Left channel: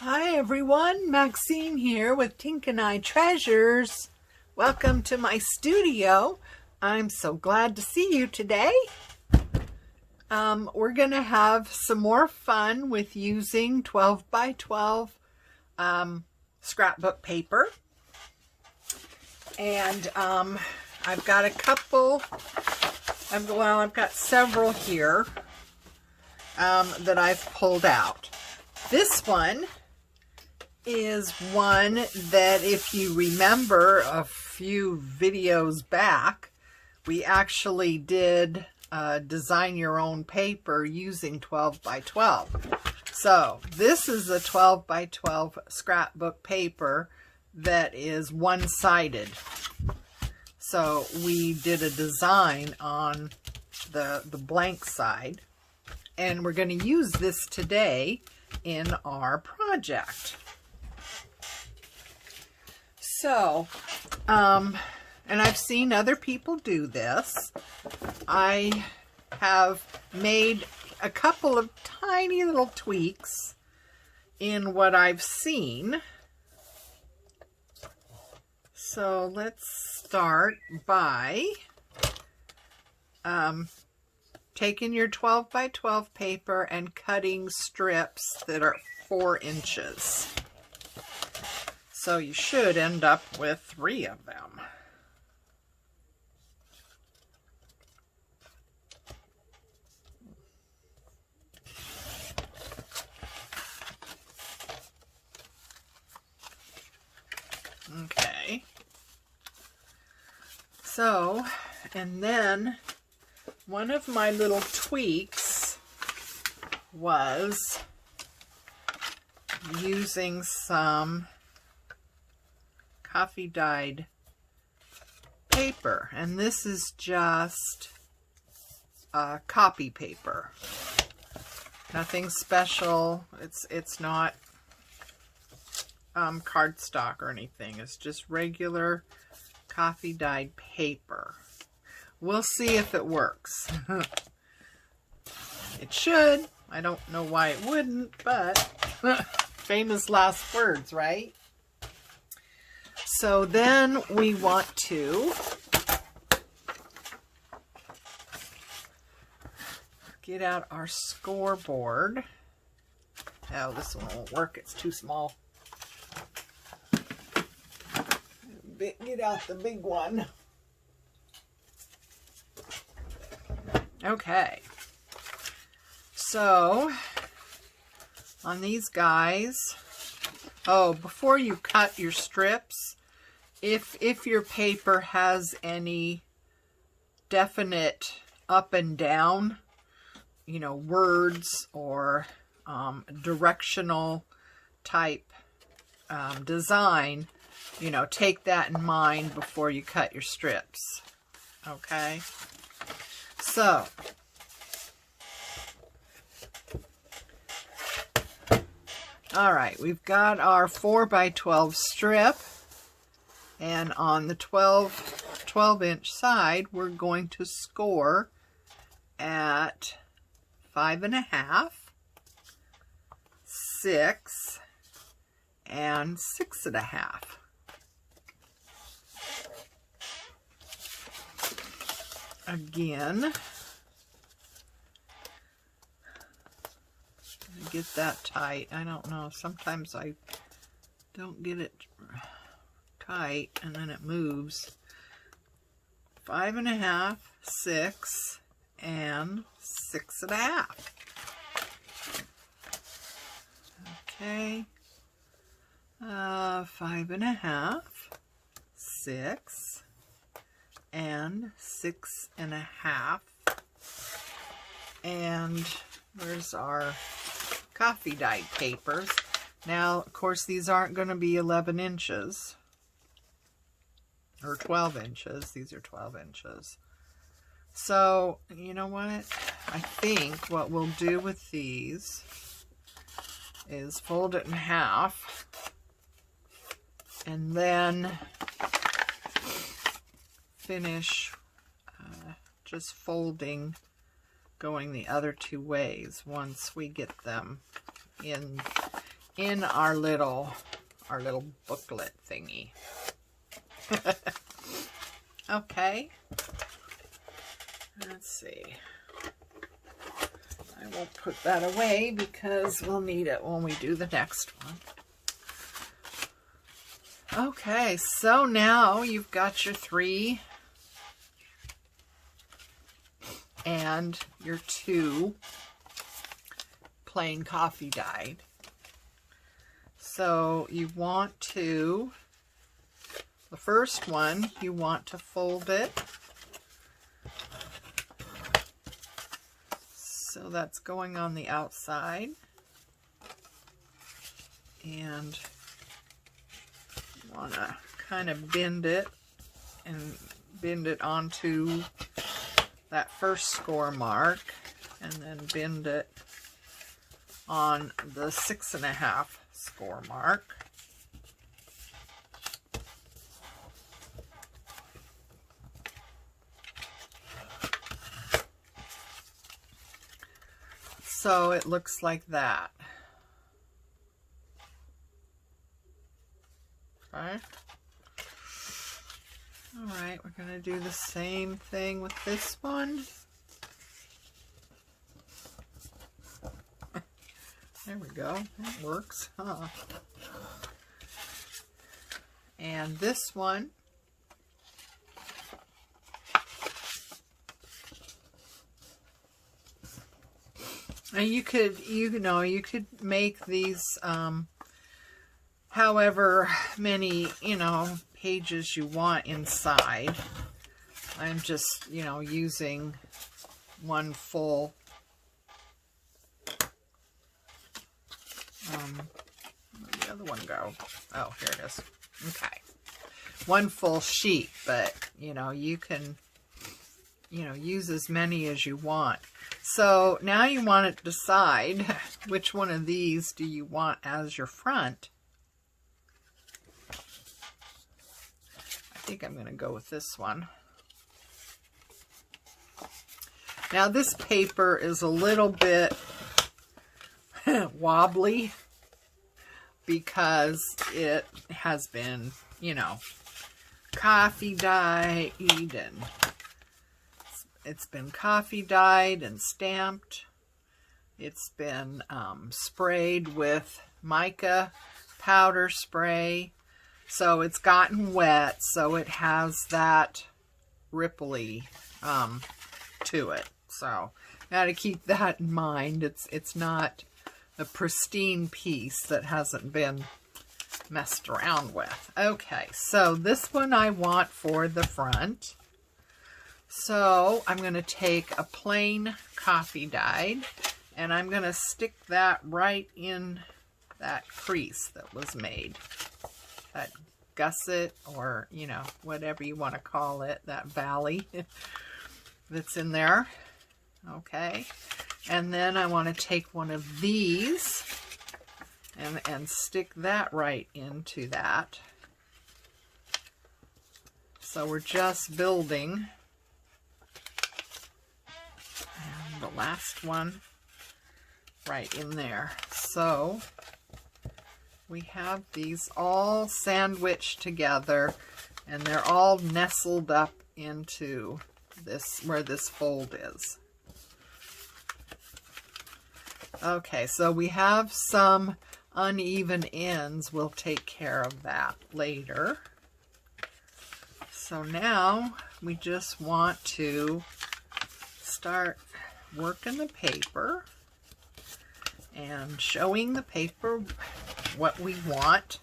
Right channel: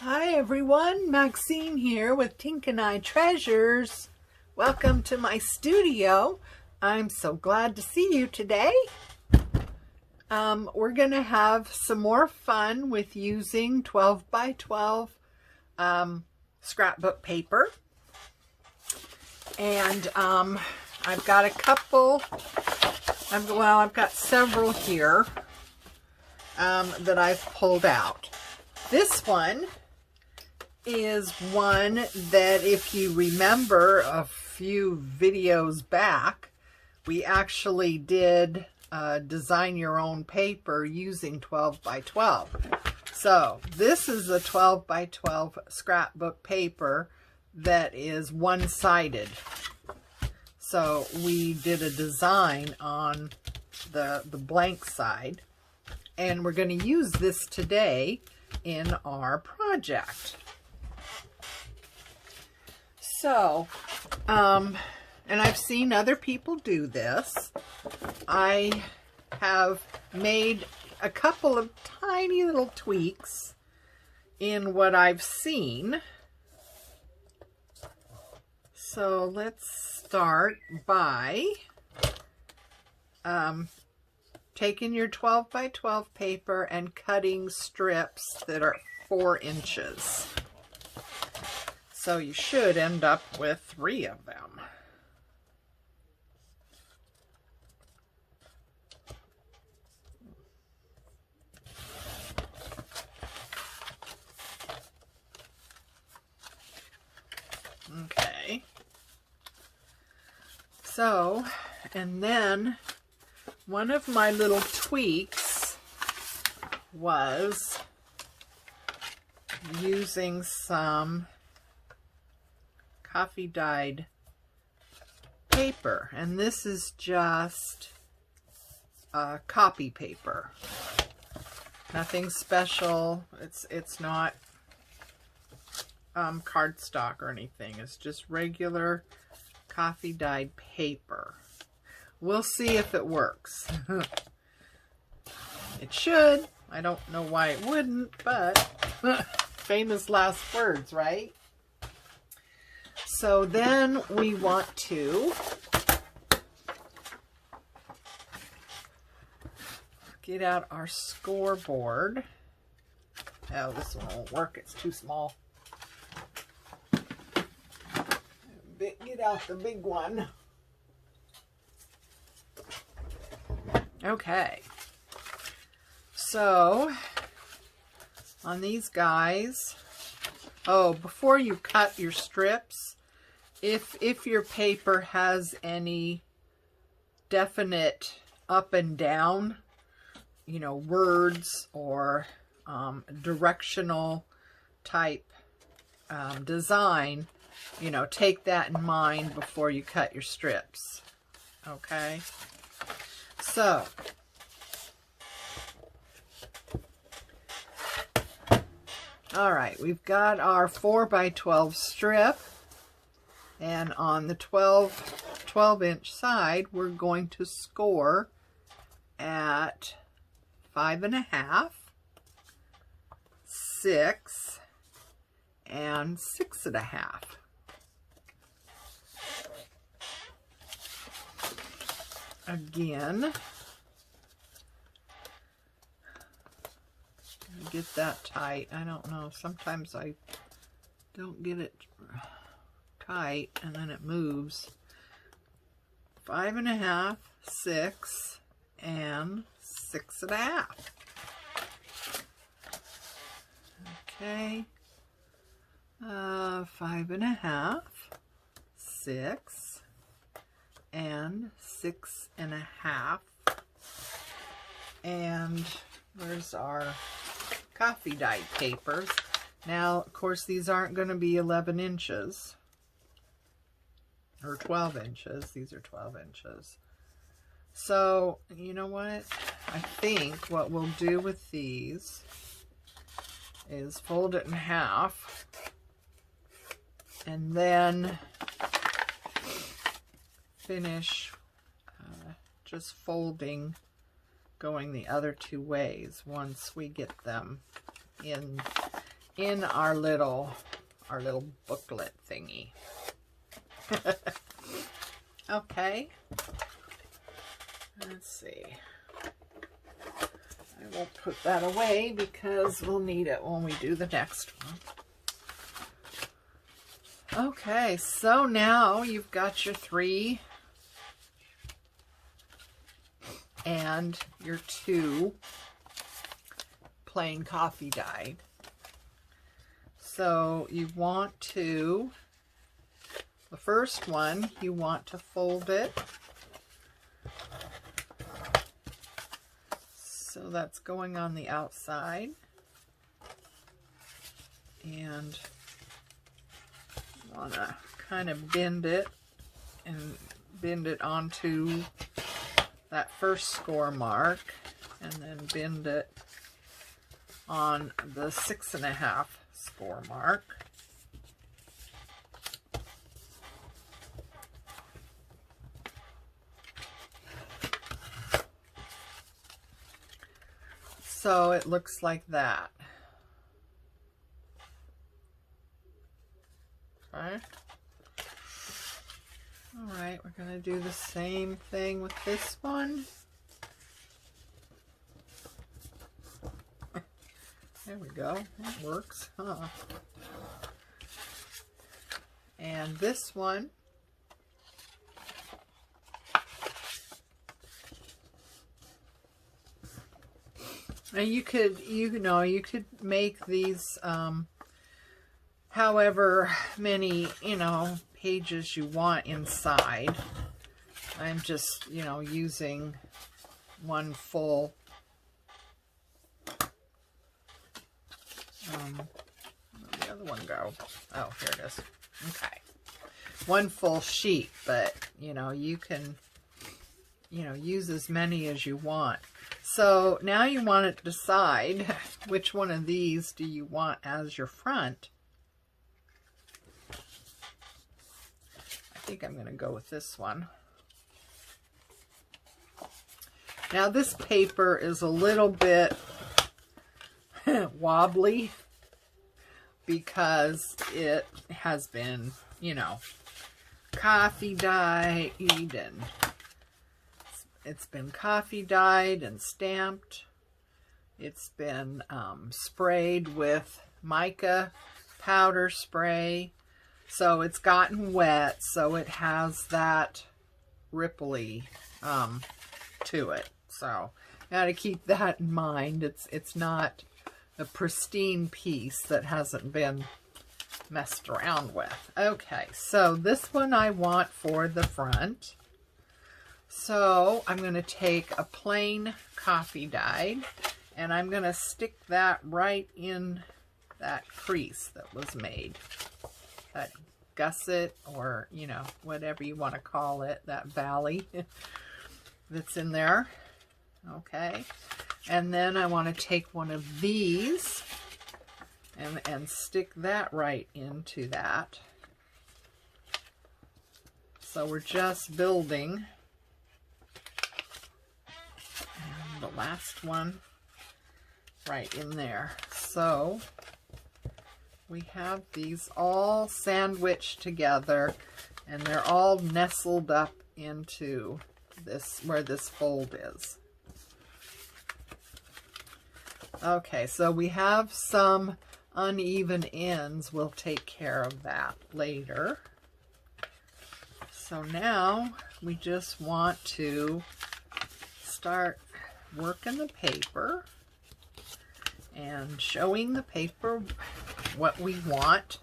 Hi everyone, Maxine here with Tink and I Treasures. Welcome to my studio. I'm so glad to see you today. We're going to have some more fun with using 12 by 12 scrapbook paper. And I've got a couple, I've got several here that I've pulled out. This one is one that, if you remember a few videos back, we actually did design your own paper using 12 by 12. So this is a 12 by 12 scrapbook paper that is one-sided. So we did a design on the blank side, and we're going to use this today in our project. So, and I've seen other people do this. I have made a couple of tiny little tweaks in what I've seen. So let's start by taking your 12 by 12 paper and cutting strips that are 4 inches. So you should end up with 3 of them. Okay. So, and then one of my little tweaks was using some coffee dyed paper, and this is just copy paper, nothing special. It's not cardstock or anything. It's just regular coffee dyed paper. We'll see if it works. It should. I don't know why it wouldn't, but famous last words, right? So then we want to get out our scoreboard. Oh, this one won't work. It's too small. Get out the big one. Okay. So on these guys, oh, before you cut your strips, if your paper has any definite up and down, you know, words or directional type design, you know, take that in mind before you cut your strips. Okay? So, all right, we've got our 4 by 12 strip. And on the 12 inch side, we're going to score at 5.5, 6, and 6.5. Again, get that tight. I don't know. Sometimes I don't get it tight and then it moves. 5.5, 6, and 6.5. Okay. 5.5, 6, and 6.5. And there's our coffee dyed papers. Now, of course, these aren't going to be 11 inches. Or 12 inches. These are 12 inches. So, you know what? I think what we'll do with these is fold it in half. And then finish just folding, going the other 2 ways once we get them in our little booklet thingy. Okay. Let's see. I won't put that away because we'll need it when we do the next one. Okay, so now you've got your 3 and your 2 plain coffee dyed. So you want to, the first one, you want to fold it. So that's going on the outside. And you want to kind of bend it and bend it onto that first score mark, and then bend it on the 6.5 score mark. So it looks like that. Okay. All right, we're going to do the same thing with this one. There we go. That works, huh? And this one, and you could make these however many, pages you want inside. I'm just, using one full where'd the other one go? Oh, here it is. Okay. One full sheet, but you can use as many as you want. So now you want to decide which one of these do you want as your front. I think I'm going to go with this one. Now this paper is a little bit wobbly because it has been, coffee dyed, and it's been coffee dyed and stamped. It's been sprayed with mica powder spray. So it's gotten wet, so it has that ripply to it. So got to keep that in mind. It's not a pristine piece that hasn't been messed around with. Okay, so this one I want for the front. So I'm going to take a plain coffee dyed, and I'm going to stick that right in that crease that was made. That gusset, or, whatever you want to call it, that valley that's in there. Okay. And then I want to take one of these and stick that right into that. So we're just building. And the last one right in there. So we have these all sandwiched together, and they're all nestled up into this, where this fold is. Okay, so we have some uneven ends. We'll take care of that later. So now we just want to start working the paper and showing the paper what we want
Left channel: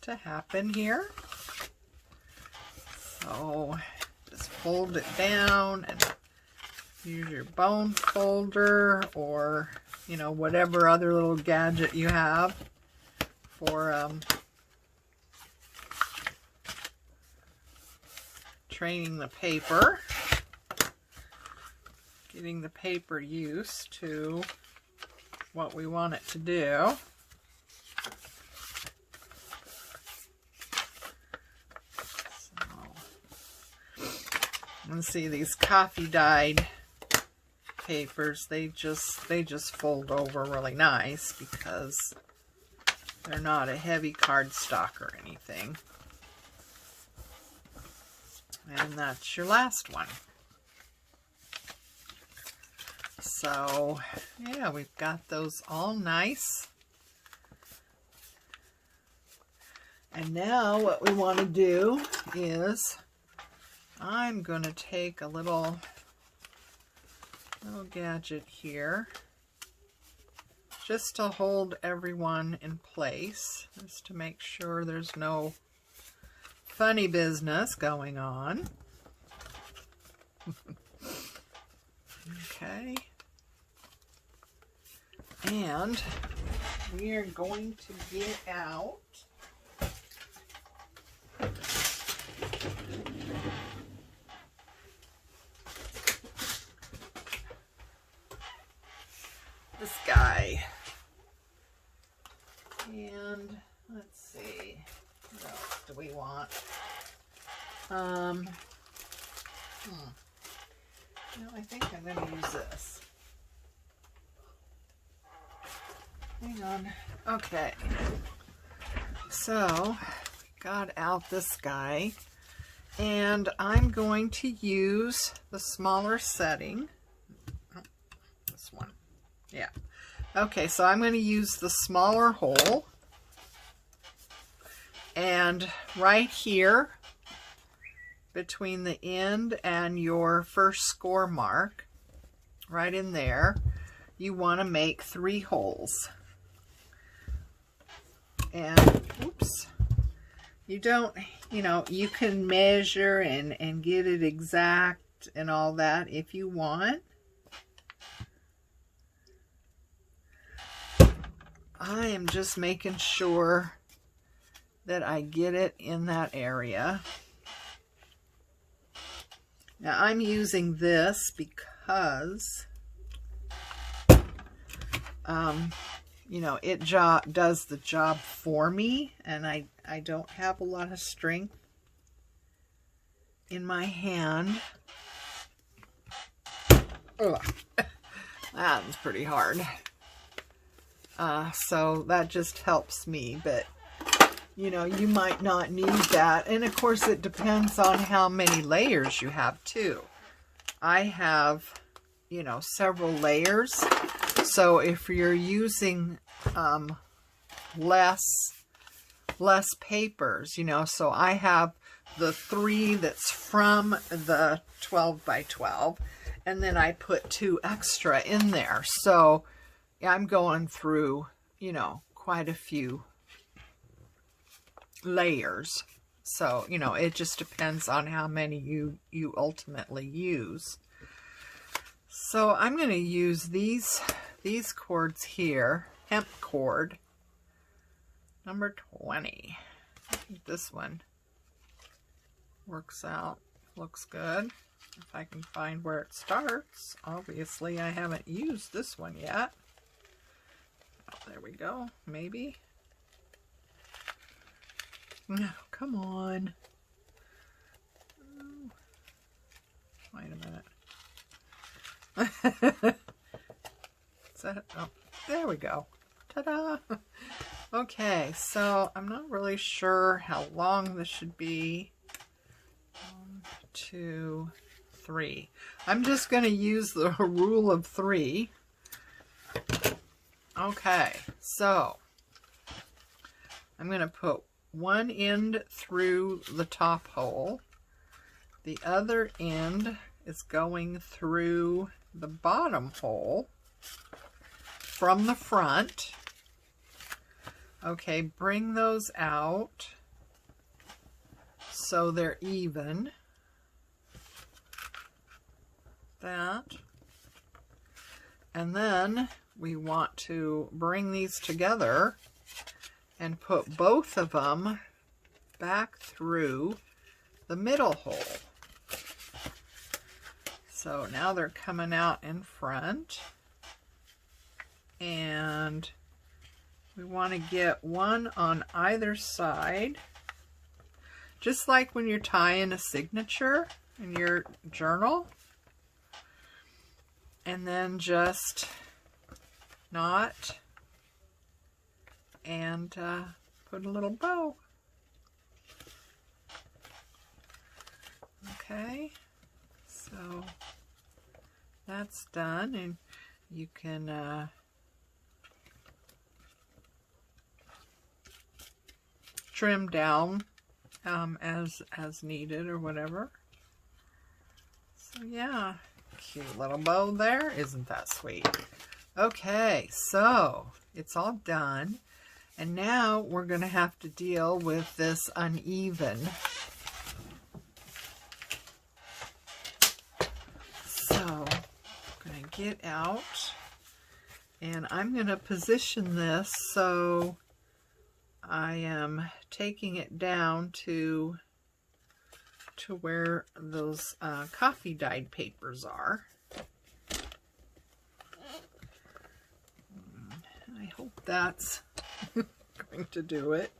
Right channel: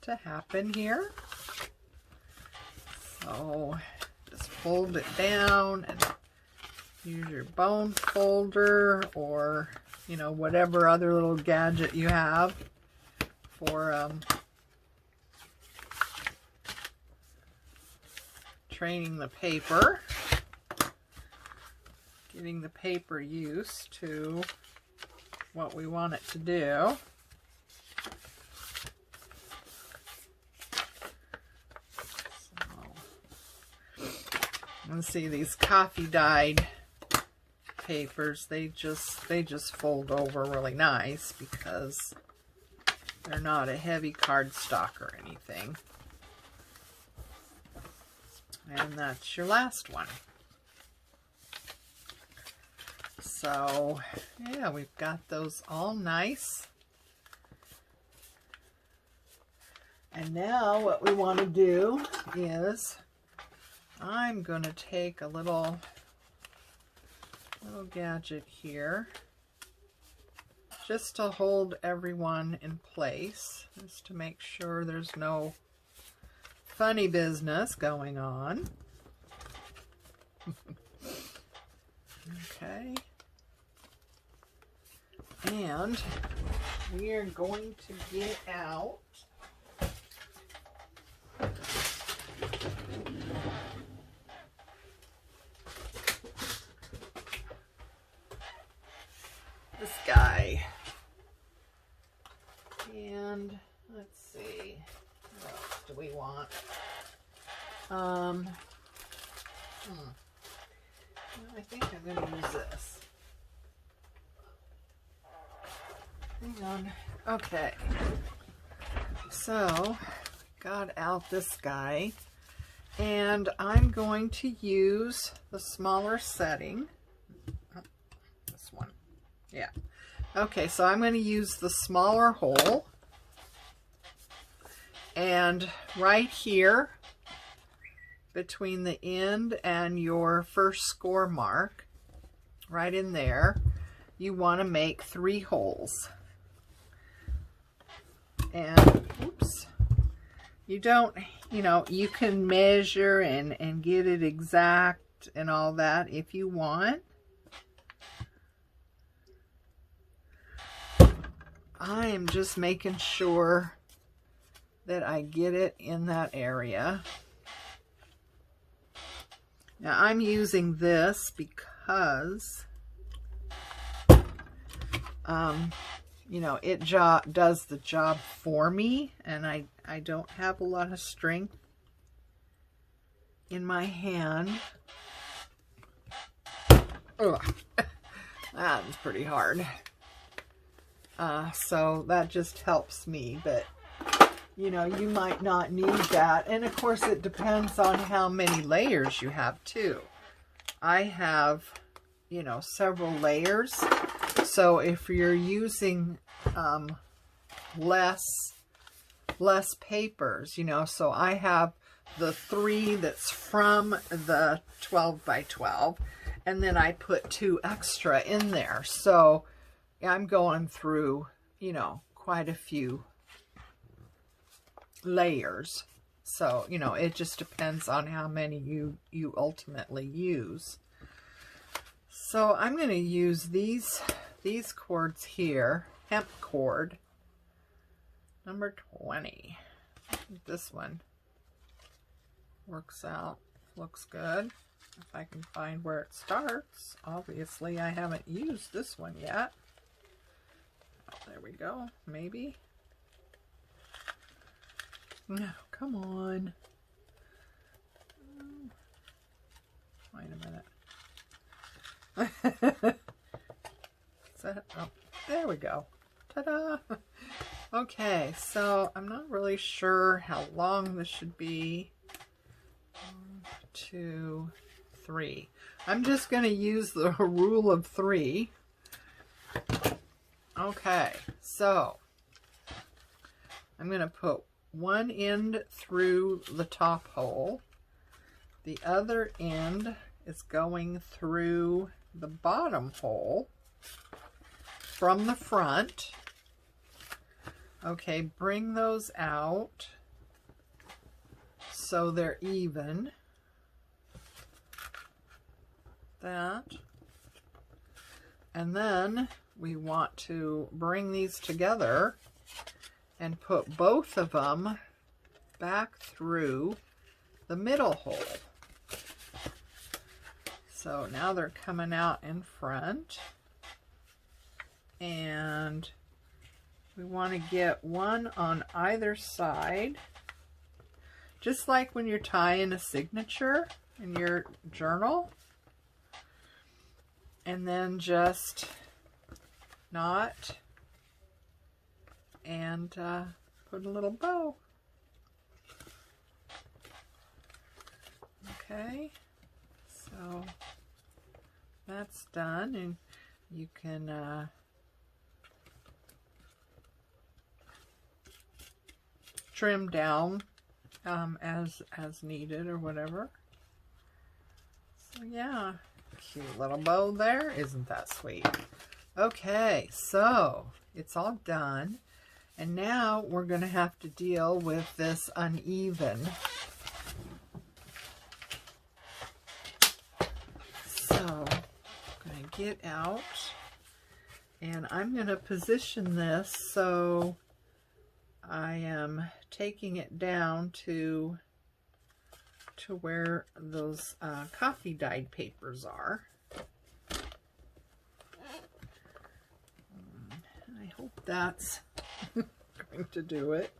to happen here. So just fold it down and use your bone folder, or whatever other little gadget you have for training the paper, getting the paper used to what we want it to do. So, let's see, these coffee dyed papers, they just fold over really nice because they're not a heavy cardstock or anything. And that's your last one. So, yeah, we've got those all nice. And now what we want to do is I'm going to take a little gadget here just to hold everyone in place, just to make sure there's no funny business going on. Okay. And we are going to get out this guy. And let's see, what else do we want? No, I think I'm going to use this. Hang on. Okay. So, got out this guy. And I'm going to use the smaller setting. Oh, this one. Yeah. Okay, so I'm going to use the smaller hole. And right here, between the end and your first score mark, right in there, you want to make 3 holes. And, oops, you don't, you know, you can measure and get it exact and all that if you want. I am just making sure that I get it in that area. Now I'm using this because, you know, it does the job for me, and I don't have a lot of strength in my hand. Ugh. That was pretty hard. So that just helps me, but you know, you might not need that. And of course it depends on how many layers you have too. I have, you know, several layers. So if you're using less papers, you know, so I have the 3 that's from the 12 by 12, and then I put 2 extra in there. So I'm going through, you know, quite a few layers. So, you know, it just depends on how many you ultimately use. So I'm going to use these cords here, hemp cord number 20. I think this one works out, looks good. If I can find where it starts. Obviously I haven't used this one yet. Oh, there we go, maybe. No, come on. Wait a minute. Is that, oh, there we go. Ta-da! Okay, so I'm not really sure how long this should be. 1, 2, 3. I'm just going to use the rule of 3. Okay, so I'm going to put one end through the top hole. The other end is going through the bottom hole from the front. Okay, bring those out so they're even. That. And then we want to bring these together and put both of them back through the middle hole. So now they're coming out in front, and we want to get one on either side, just like when you're tying a signature in your journal. and then just knot and put a little bow. Okay, so that's done, and you can trim down as needed or whatever. So yeah, cute little bow there. Isn't that sweet? Okay, so it's all done, and now we're going to have to deal with this uneven. So I'm going to get out, and I'm going to position this so I am taking it down to where those coffee dyed papers are. I hope that's going to do it.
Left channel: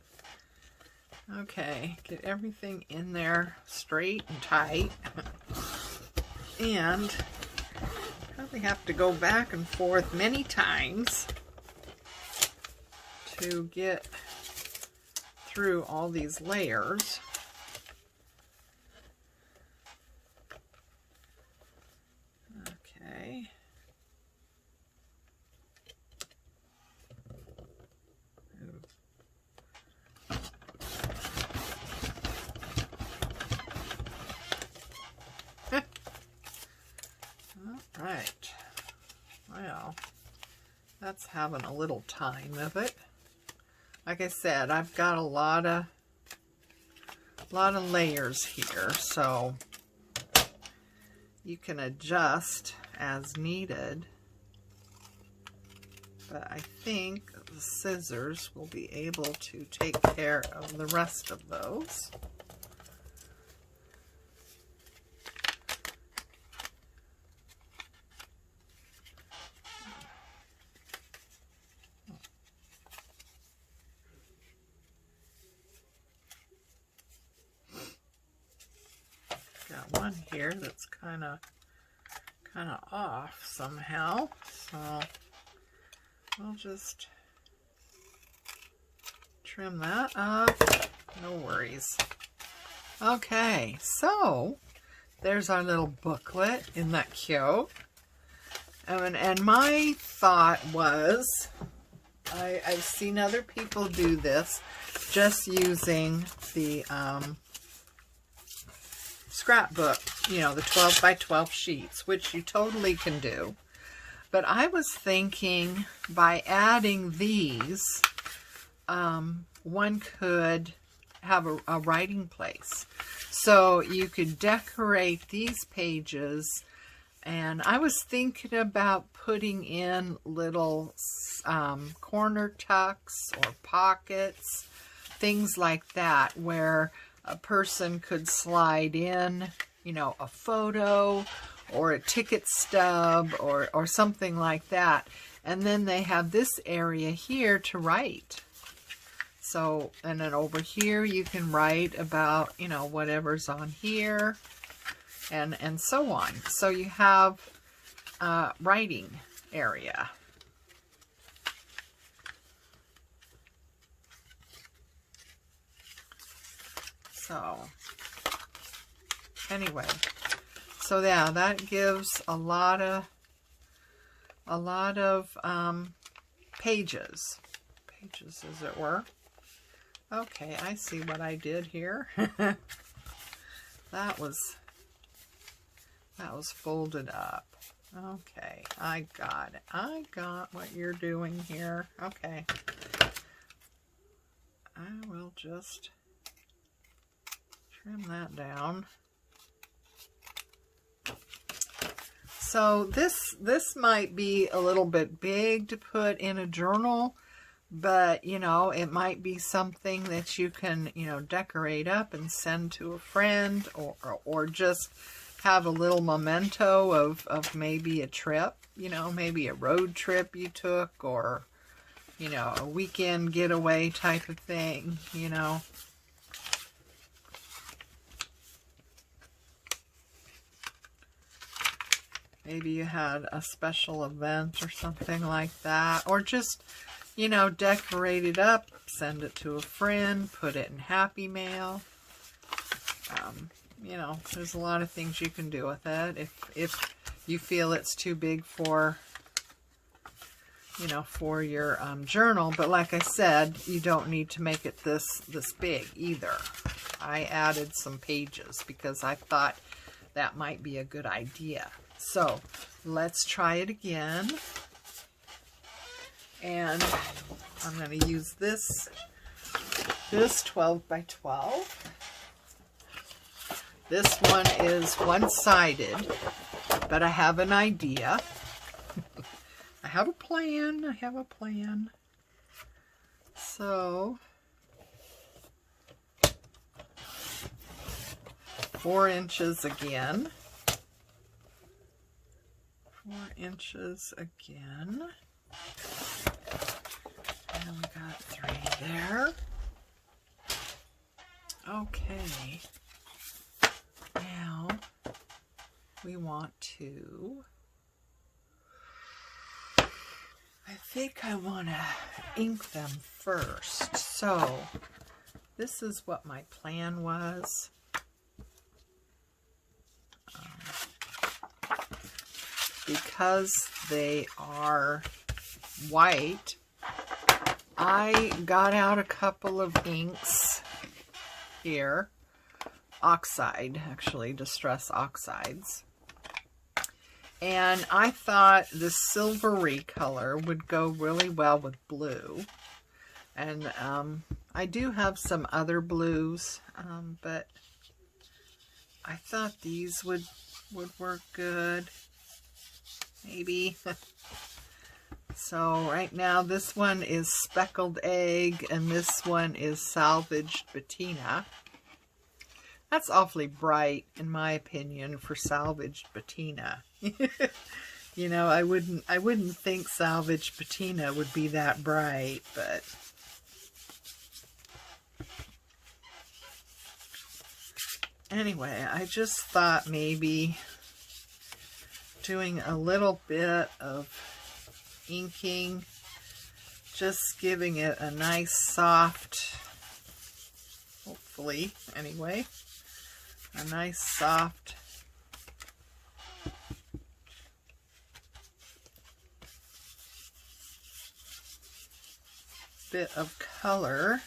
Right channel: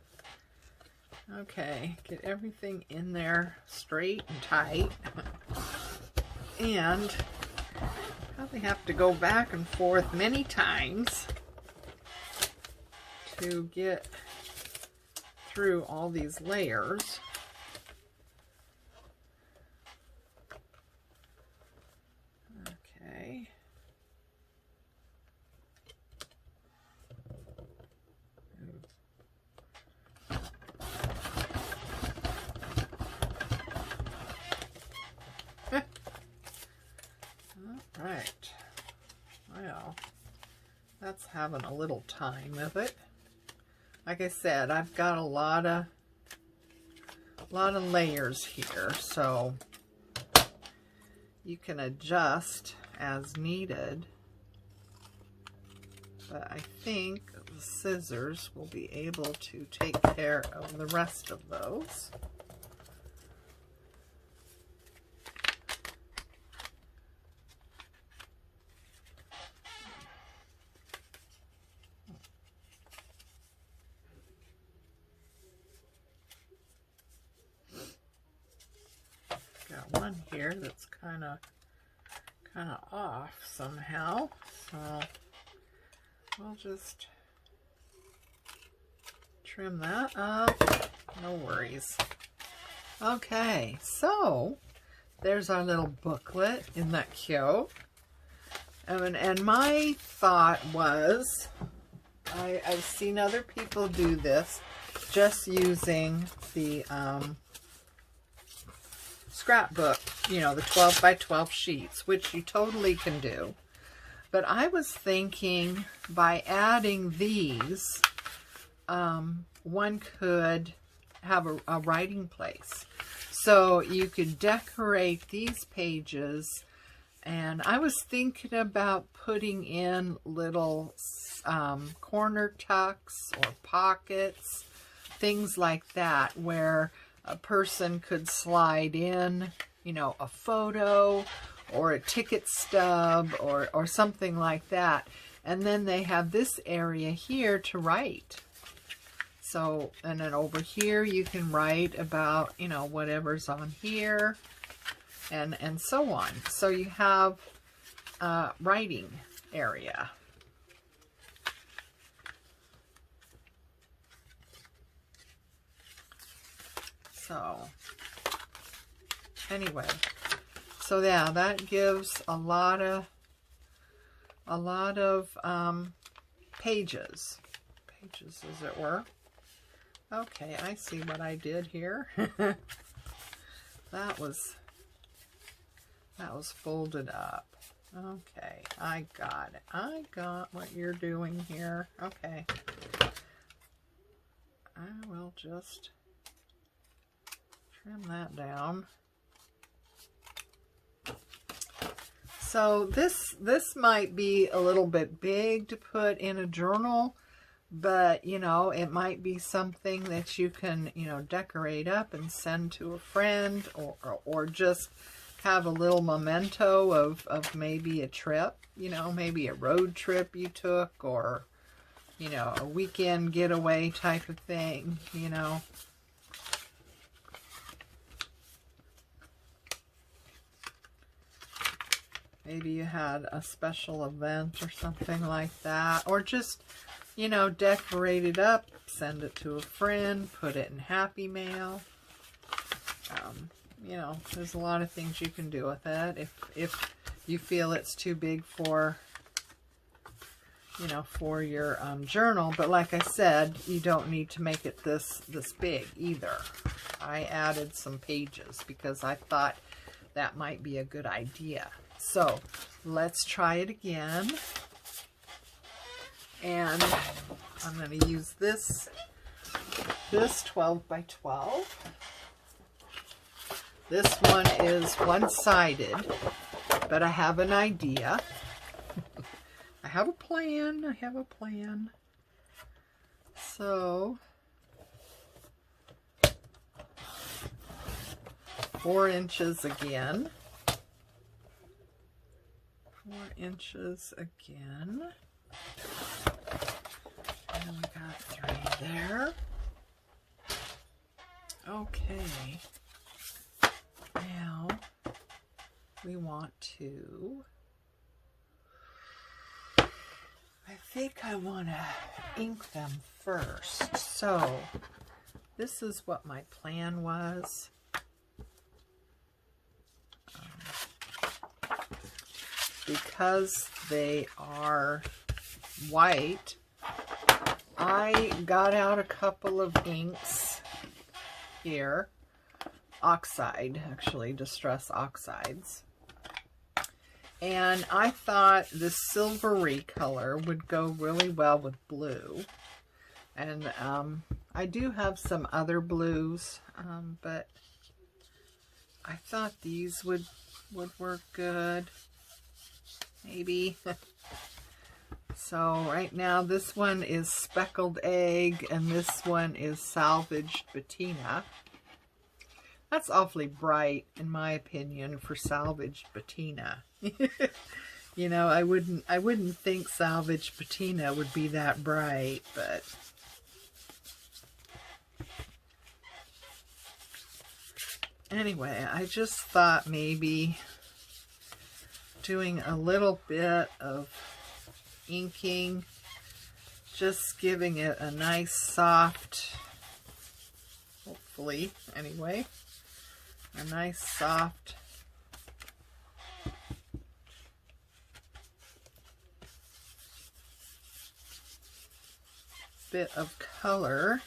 Okay, get everything in there straight and tight. And probably have to go back and forth many times to get through all these layers. Okay. All right. Well, that's having a little time of it. Like I said, I've got a lot of layers here, so you can adjust as needed. But I think the scissors will be able to take care of the rest of those. Got one here that's kind of off somehow, so I'll just trim that up. No worries. Okay, so there's our little booklet. Isn't that cute? And my thought was, I've seen other people do this just using the scrapbook, you know, the 12 by 12 sheets, which you totally can do. But I was thinking by adding these, one could have a writing place. So you could decorate these pages, and I was thinking about putting in little corner tucks or pockets, things like that, where a person could slide in, you know, a photo or a ticket stub or something like that. And then they have this area here to write. So, and then over here you can write about, you know, whatever's on here and so on. So you have a writing area. So anyway, so yeah, that gives a lot of pages as it were. Okay, I see what I did here. that was folded up. Okay, I got it. I got what you're doing here. Okay, I will just trim that down. So this might be a little bit big to put in a journal, but you know, it might be something that you can, you know, decorate up and send to a friend, or just have a little memento of maybe a trip, you know, maybe a road trip you took, or, you know, a weekend getaway type of thing, you know. maybe you had a special event or something like that, or just, you know, decorate it up, send it to a friend, put it in Happy Mail. You know, there's a lot of things you can do with it. If you feel it's too big for, you know, for your journal. But like I said, you don't need to make it this big either. I added some pages because I thought that might be a good idea. So let's try it again. And I'm going to use this 12 by 12. This one is one-sided, but I have an idea. I have a plan. I have a plan. So 4 inches again. 4 inches again. And we got 3 there. Okay. Now we want to, I think I want to ink them first. So this is what my plan was. Because they are white, I got out a couple of inks here. Oxide, actually, Distress Oxides. And I thought this silvery color would go really well with blue. And I do have some other blues, but I thought these would work good. Maybe. So right now this one is Speckled Egg and this one is Salvaged Patina. That's awfully bright, in my opinion, for Salvaged Patina. You know, I wouldn't think Salvaged Patina would be that bright, but anyway, I just thought maybe doing a little bit of inking, just giving it a nice soft, hopefully anyway, a nice soft bit of color.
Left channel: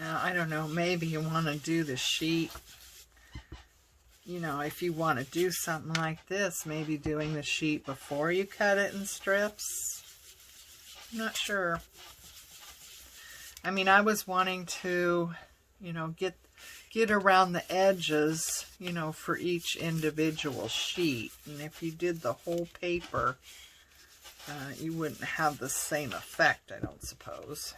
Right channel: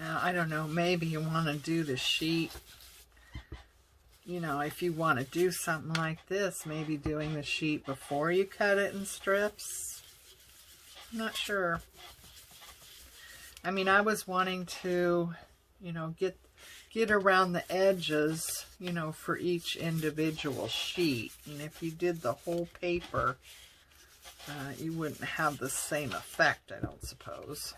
Now, I don't know, maybe you want to do the sheet, you know, if you want to do something like this, maybe doing the sheet before you cut it in strips. I'm not sure. I mean, I was wanting to, you know, get around the edges, you know, for each individual sheet. And if you did the whole paper, you wouldn't have the same effect, I don't suppose.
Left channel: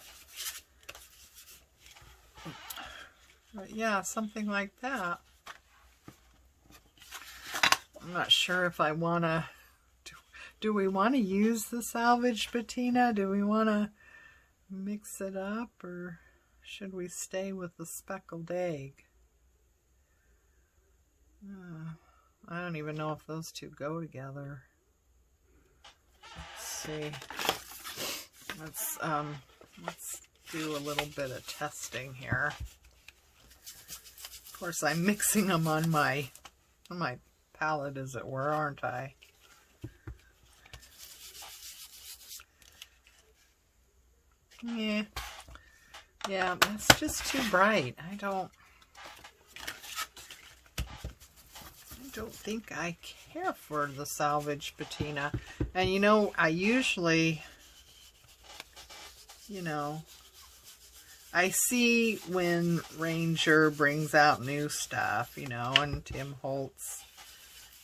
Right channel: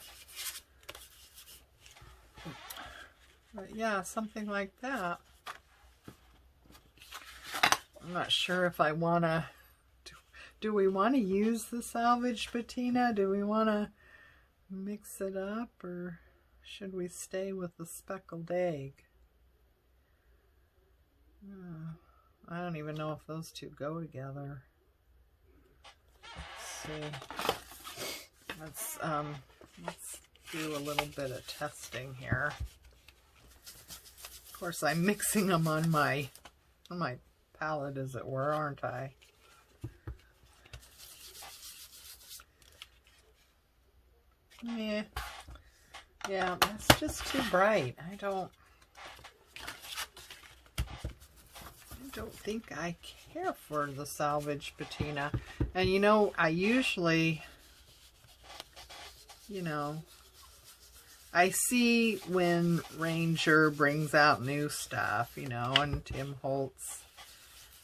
But yeah, something like that. I'm not sure if I want to... Do we want to use the Salvaged Patina? Do we want to mix it up? Or should we stay with the Speckled Egg? I don't even know if those two go together. Let's see. Let's do a little bit of testing here. Of course, I'm mixing them on my palette, as it were, aren't I? Yeah, it's just too bright. I don't think I care for the Salvaged Patina. And you know, I usually, you know, I see when Ranger brings out new stuff, you know, and Tim Holtz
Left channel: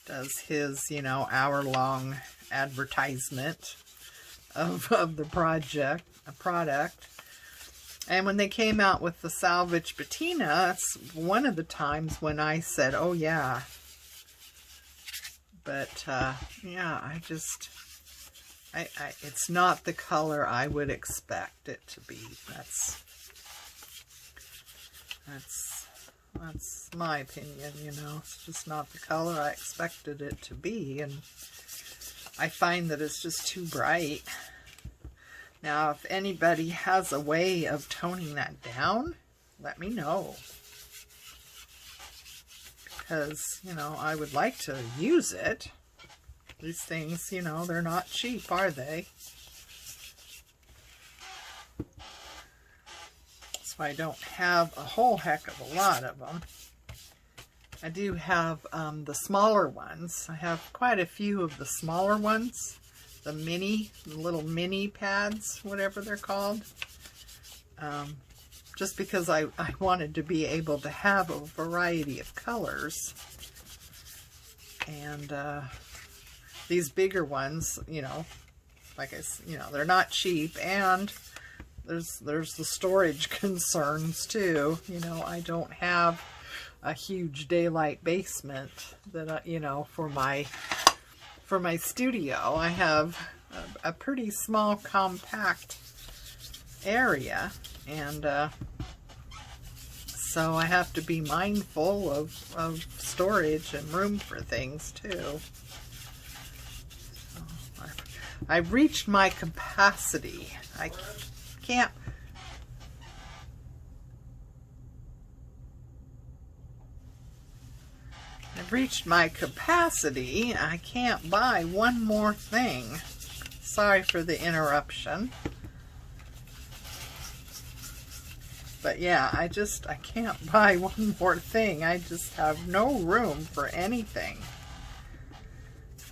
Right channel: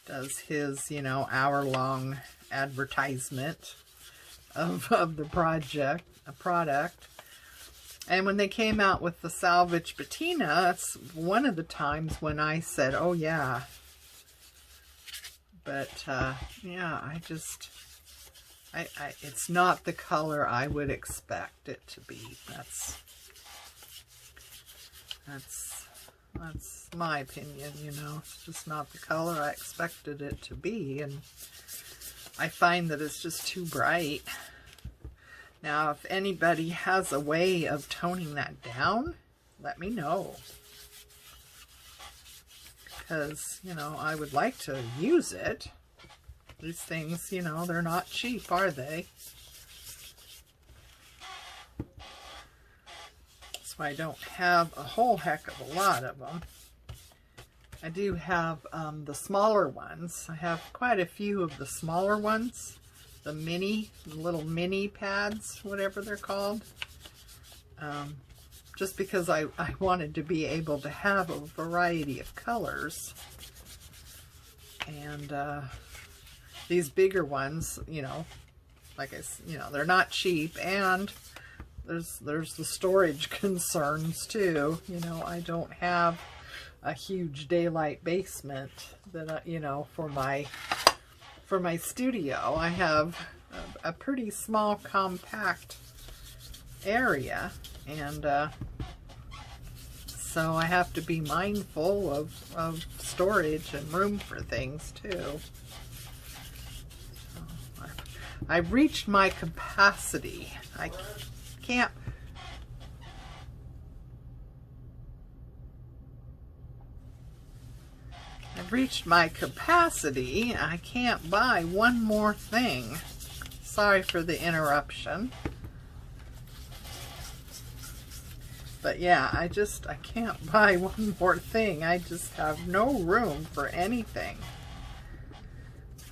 does his, you know, hour-long advertisement. of the product. And when they came out with the salvage patina, that's one of the times when I said, oh yeah. But yeah, it's not the color I would expect it to be. That's my opinion, you know. It's just not the color I expected it to be, and I find that it's just too bright. Now, if anybody has a way of toning that down, let me know. Because, you know, I would like to use it. These things, you know, they're not cheap, are they? That's why I don't have a whole heck of a lot of them. I do have the smaller ones. I have quite a few of the smaller ones. The little mini pads, whatever they're called. Just because I wanted to be able to have a variety of colors. And these bigger ones, you know, like they're not cheap, and there's the storage concerns too. You know, I don't have a huge daylight basement that you know, for my studio. I have a pretty small, compact area, and so I have to be mindful of storage and room for things too. So I've reached my capacity. I can't. I've reached my capacity. I can't buy one more thing. Sorry for the interruption. But yeah, I can't buy one more thing. I just have no room for anything.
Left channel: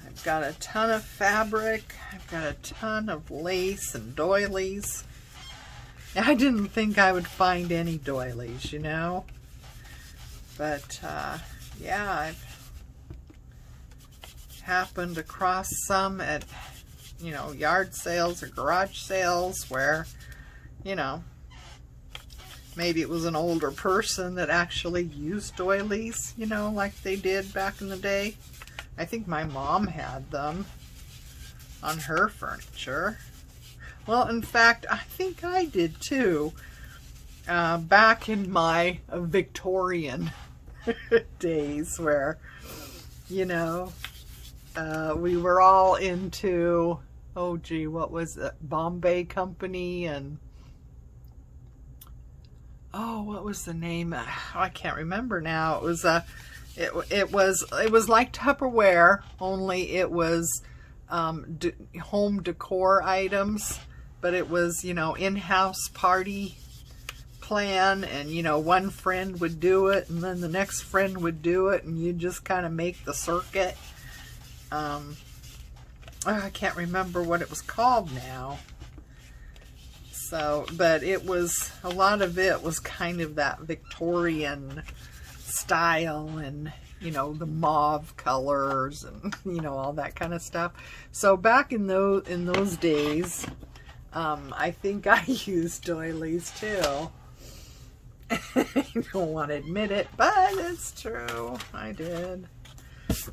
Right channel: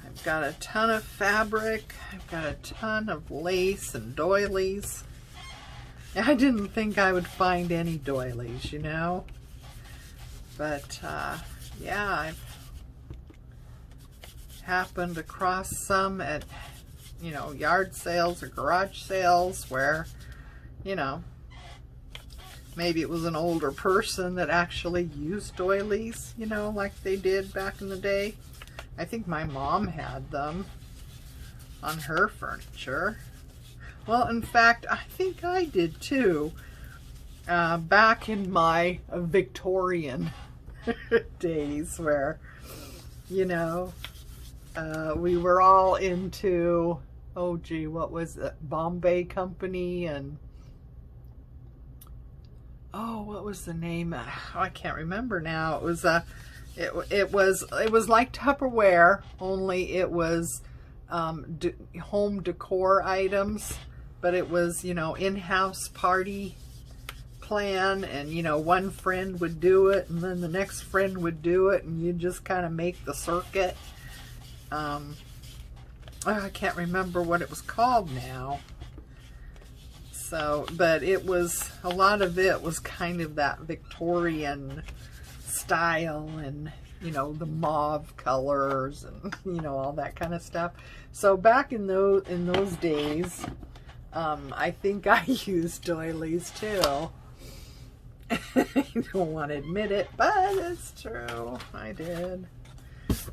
I've got a ton of fabric. I've got a ton of lace and doilies. I didn't think I would find any doilies, you know. But yeah, I've happened across some at, you know, yard sales or garage sales where, you know, maybe it was an older person that actually used doilies, you know, like they did back in the day. I think my mom had them on her furniture. Well, in fact, I think I did too. Back in my Victorian days where, you know, we were all into, oh gee, what was it? Bombay Company, and oh, what was the name? Oh, I can't remember now. It was it was like Tupperware, only it was home decor items, but it was, you know, in-house party plan, and you know, one friend would do it and then the next friend would do it, and you just kind of make the circuit. I can't remember what it was called now. So, but it was, a lot of it was kind of that Victorian style, and you know, the mauve colors, and you know, all that kind of stuff. So back in those days, I think I used doilies too. I don't want to admit it, but it's true. I did.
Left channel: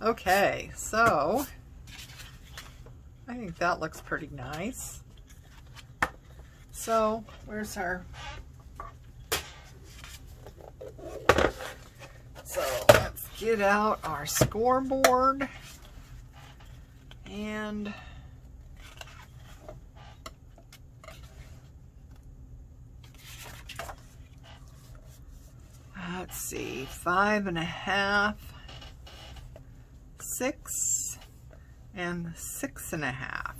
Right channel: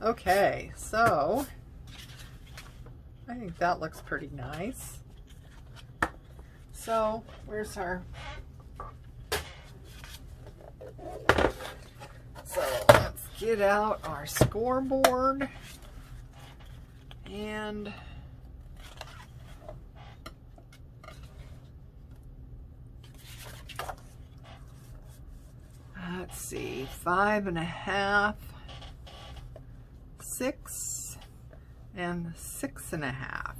Okay, so I think that looks pretty nice. So where's our... So let's get out our scoreboard, and let's see, 5.5, 6, and 6.5.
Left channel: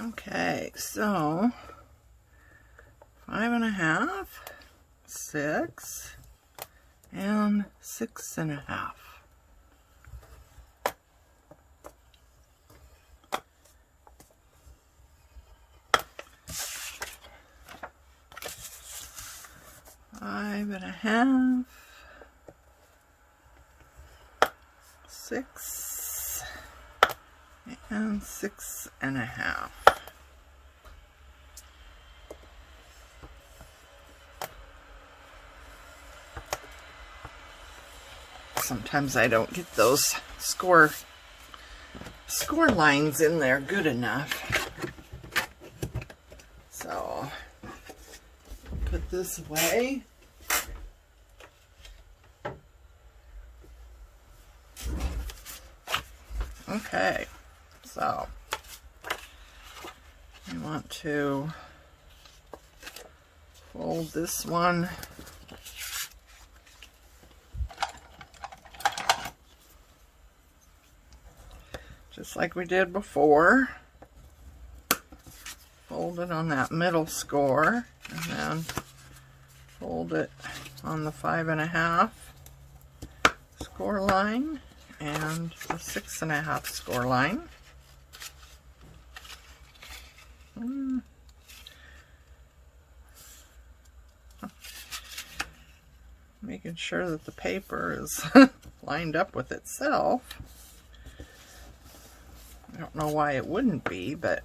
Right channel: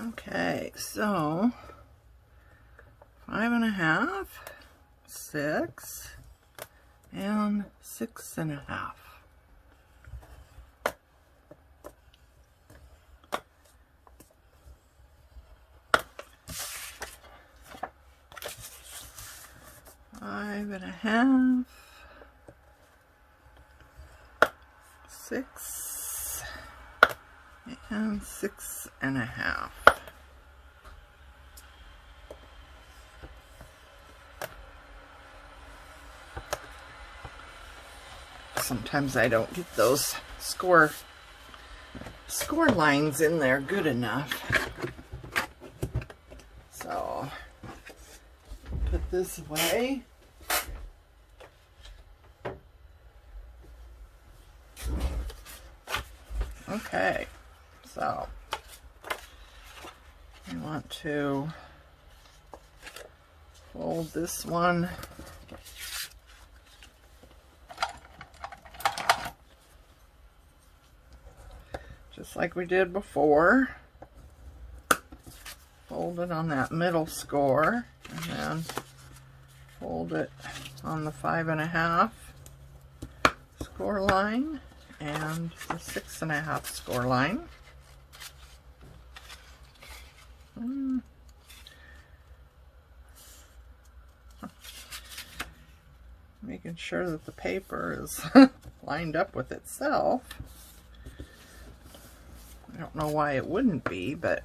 Okay, so 5.5, 6, and 6.5. 1/2, 6, and 6 1/2. Sometimes I don't get those score lines in there good enough. So put this away. Okay, so I want to fold this one just like we did before. Fold it on that middle score, and then fold it on the 5 1/2 score line and the 6 1/2 score line. Making sure that the paper is lined up with itself. I don't know why it wouldn't be, but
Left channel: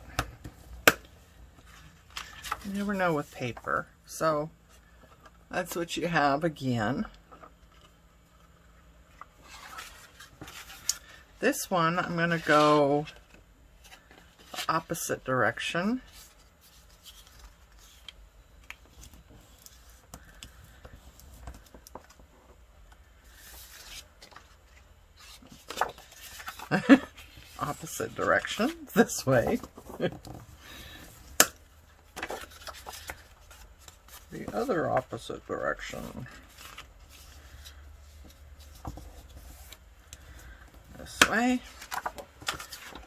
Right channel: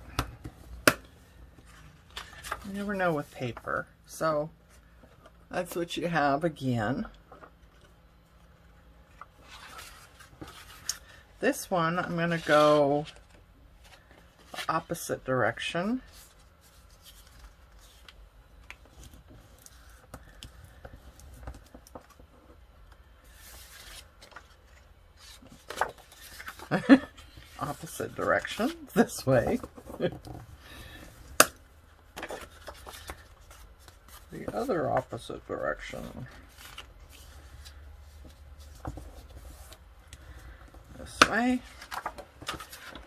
you never know with paper. So that's what you have again. This one, I'm going to go the opposite direction. Opposite direction, this way. The other opposite direction. This way.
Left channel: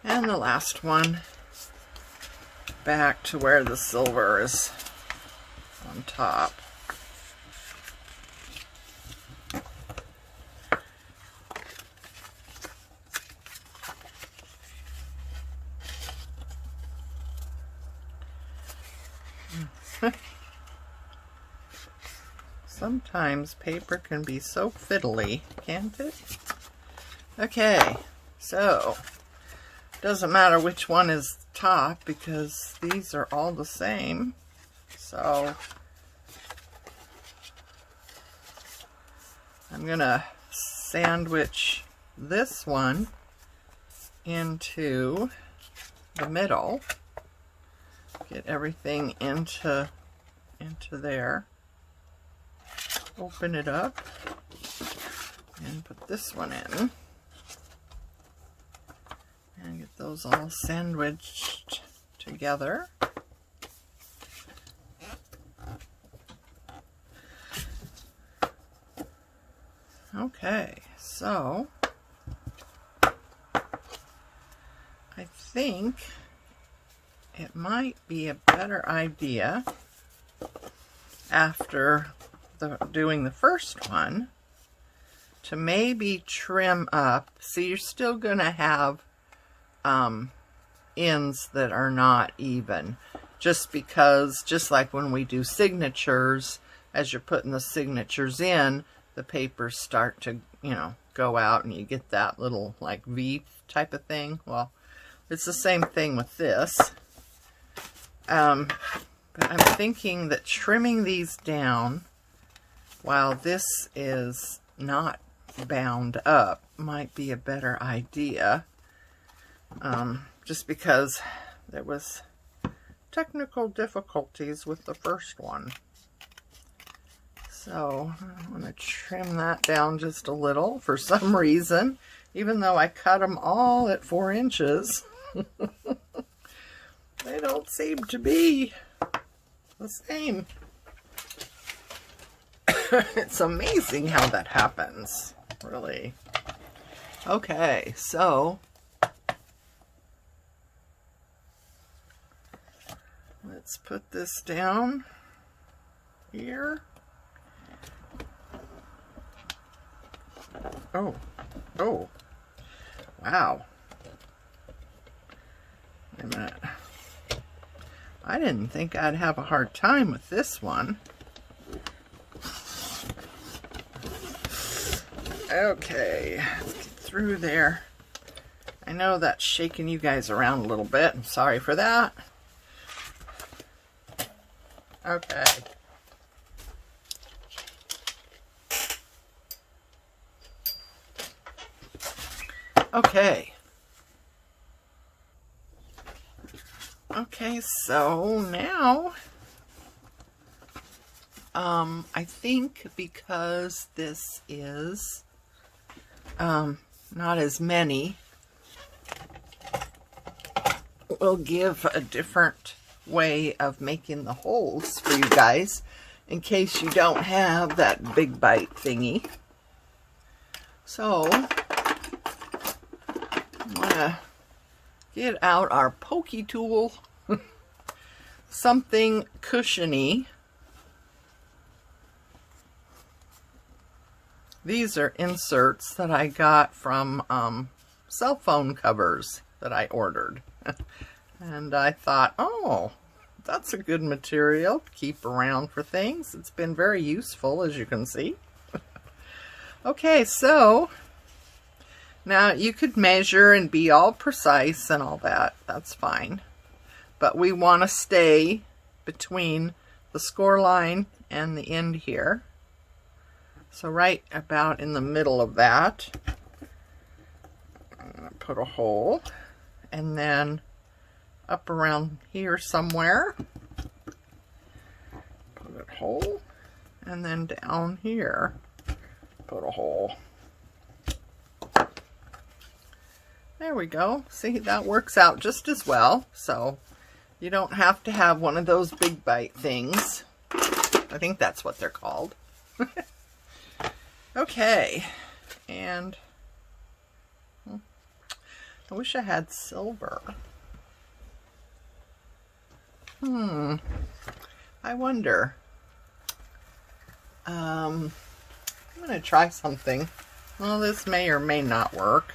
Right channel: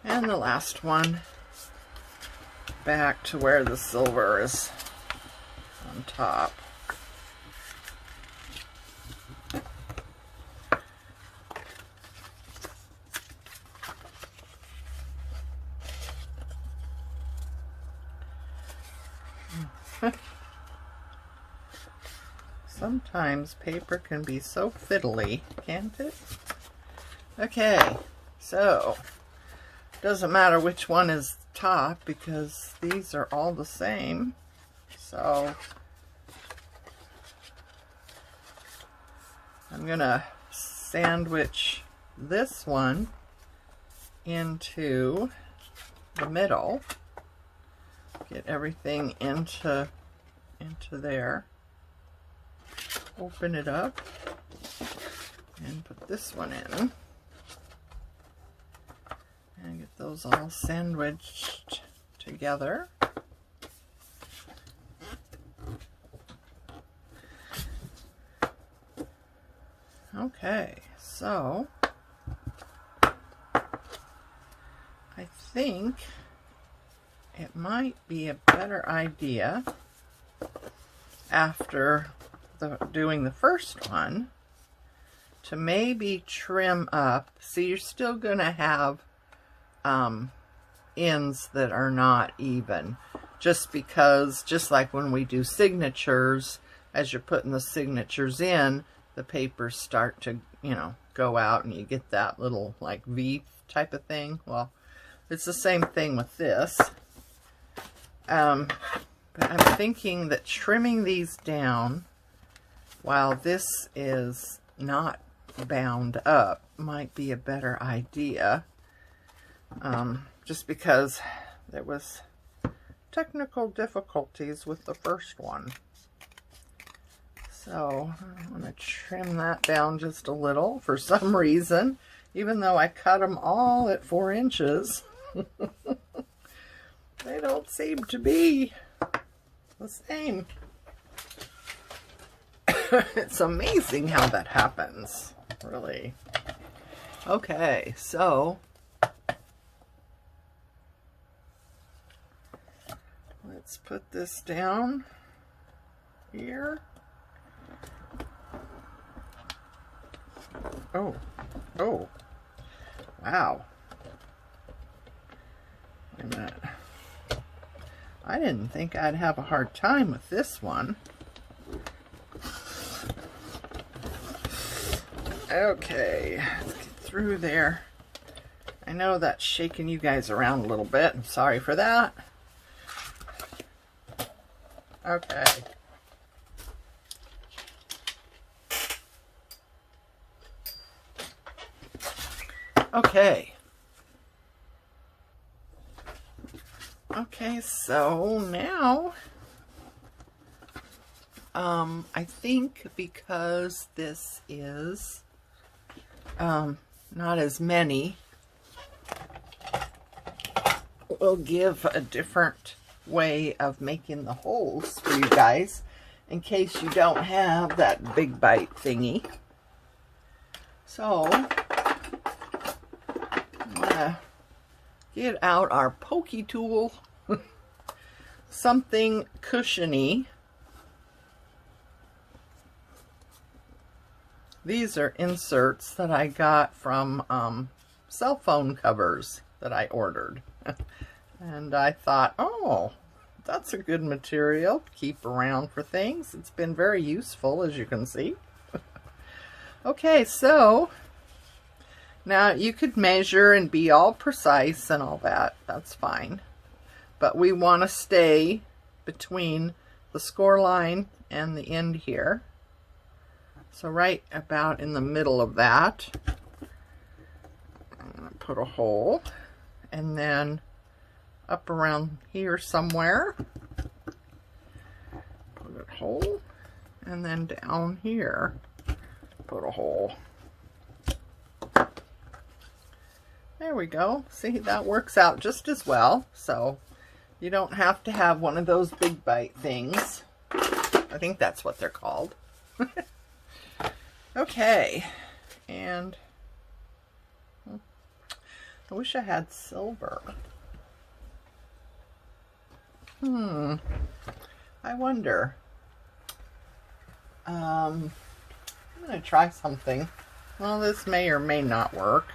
And the last one back to where the silver is on top. Sometimes paper can be so fiddly, can't it? Okay, so doesn't matter which one is top because these are all the same. So I'm gonna sandwich this one into the middle, get everything into there. Open it up and put this one in and get those all sandwiched together. Okay, so I think it might be a better idea after doing the first one to maybe trim up. So you're still going to have ends that are not even, just because, just like when we do signatures, as you're putting the signatures in, the papers start to, you know, go out and you get that little like V type of thing. Well, it's the same thing with this. But I'm thinking that trimming these down while this is not bound up might be a better idea. Just because there was technical difficulties with the first one. So I want to trim that down just a little for some reason, even though I cut them all at 4 inches. They don't seem to be the same. It's amazing how that happens, really. Okay, so let's put this down here. Oh, wow. Wait a minute. I didn't think I'd have a hard time with this one. Okay, let's get through there. I know that's shaking you guys around a little bit. I'm sorry for that. Okay. Okay. Okay, so now, I think because this is not as many, we'll give a different way of making the holes for you guys in case you don't have that big bite thingy. So I'm gonna get out our pokey tool, something cushiony. These are inserts that I got from cell phone covers that I ordered. And I thought, oh, that's a good material to keep around for things. It's been very useful, as you can see. Okay, so now you could measure and be all precise and all that. That's fine. But we want to stay between the score line and the end here. So right about in the middle of that, I'm going to put a hole, and then up around here somewhere, put a hole, and then down here, put a hole. There we go. See, that works out just as well. So you don't have to have one of those big bite things. I think that's what they're called. Okay, and I wish I had silver. I wonder. I'm going to try something. Well, this may or may not work.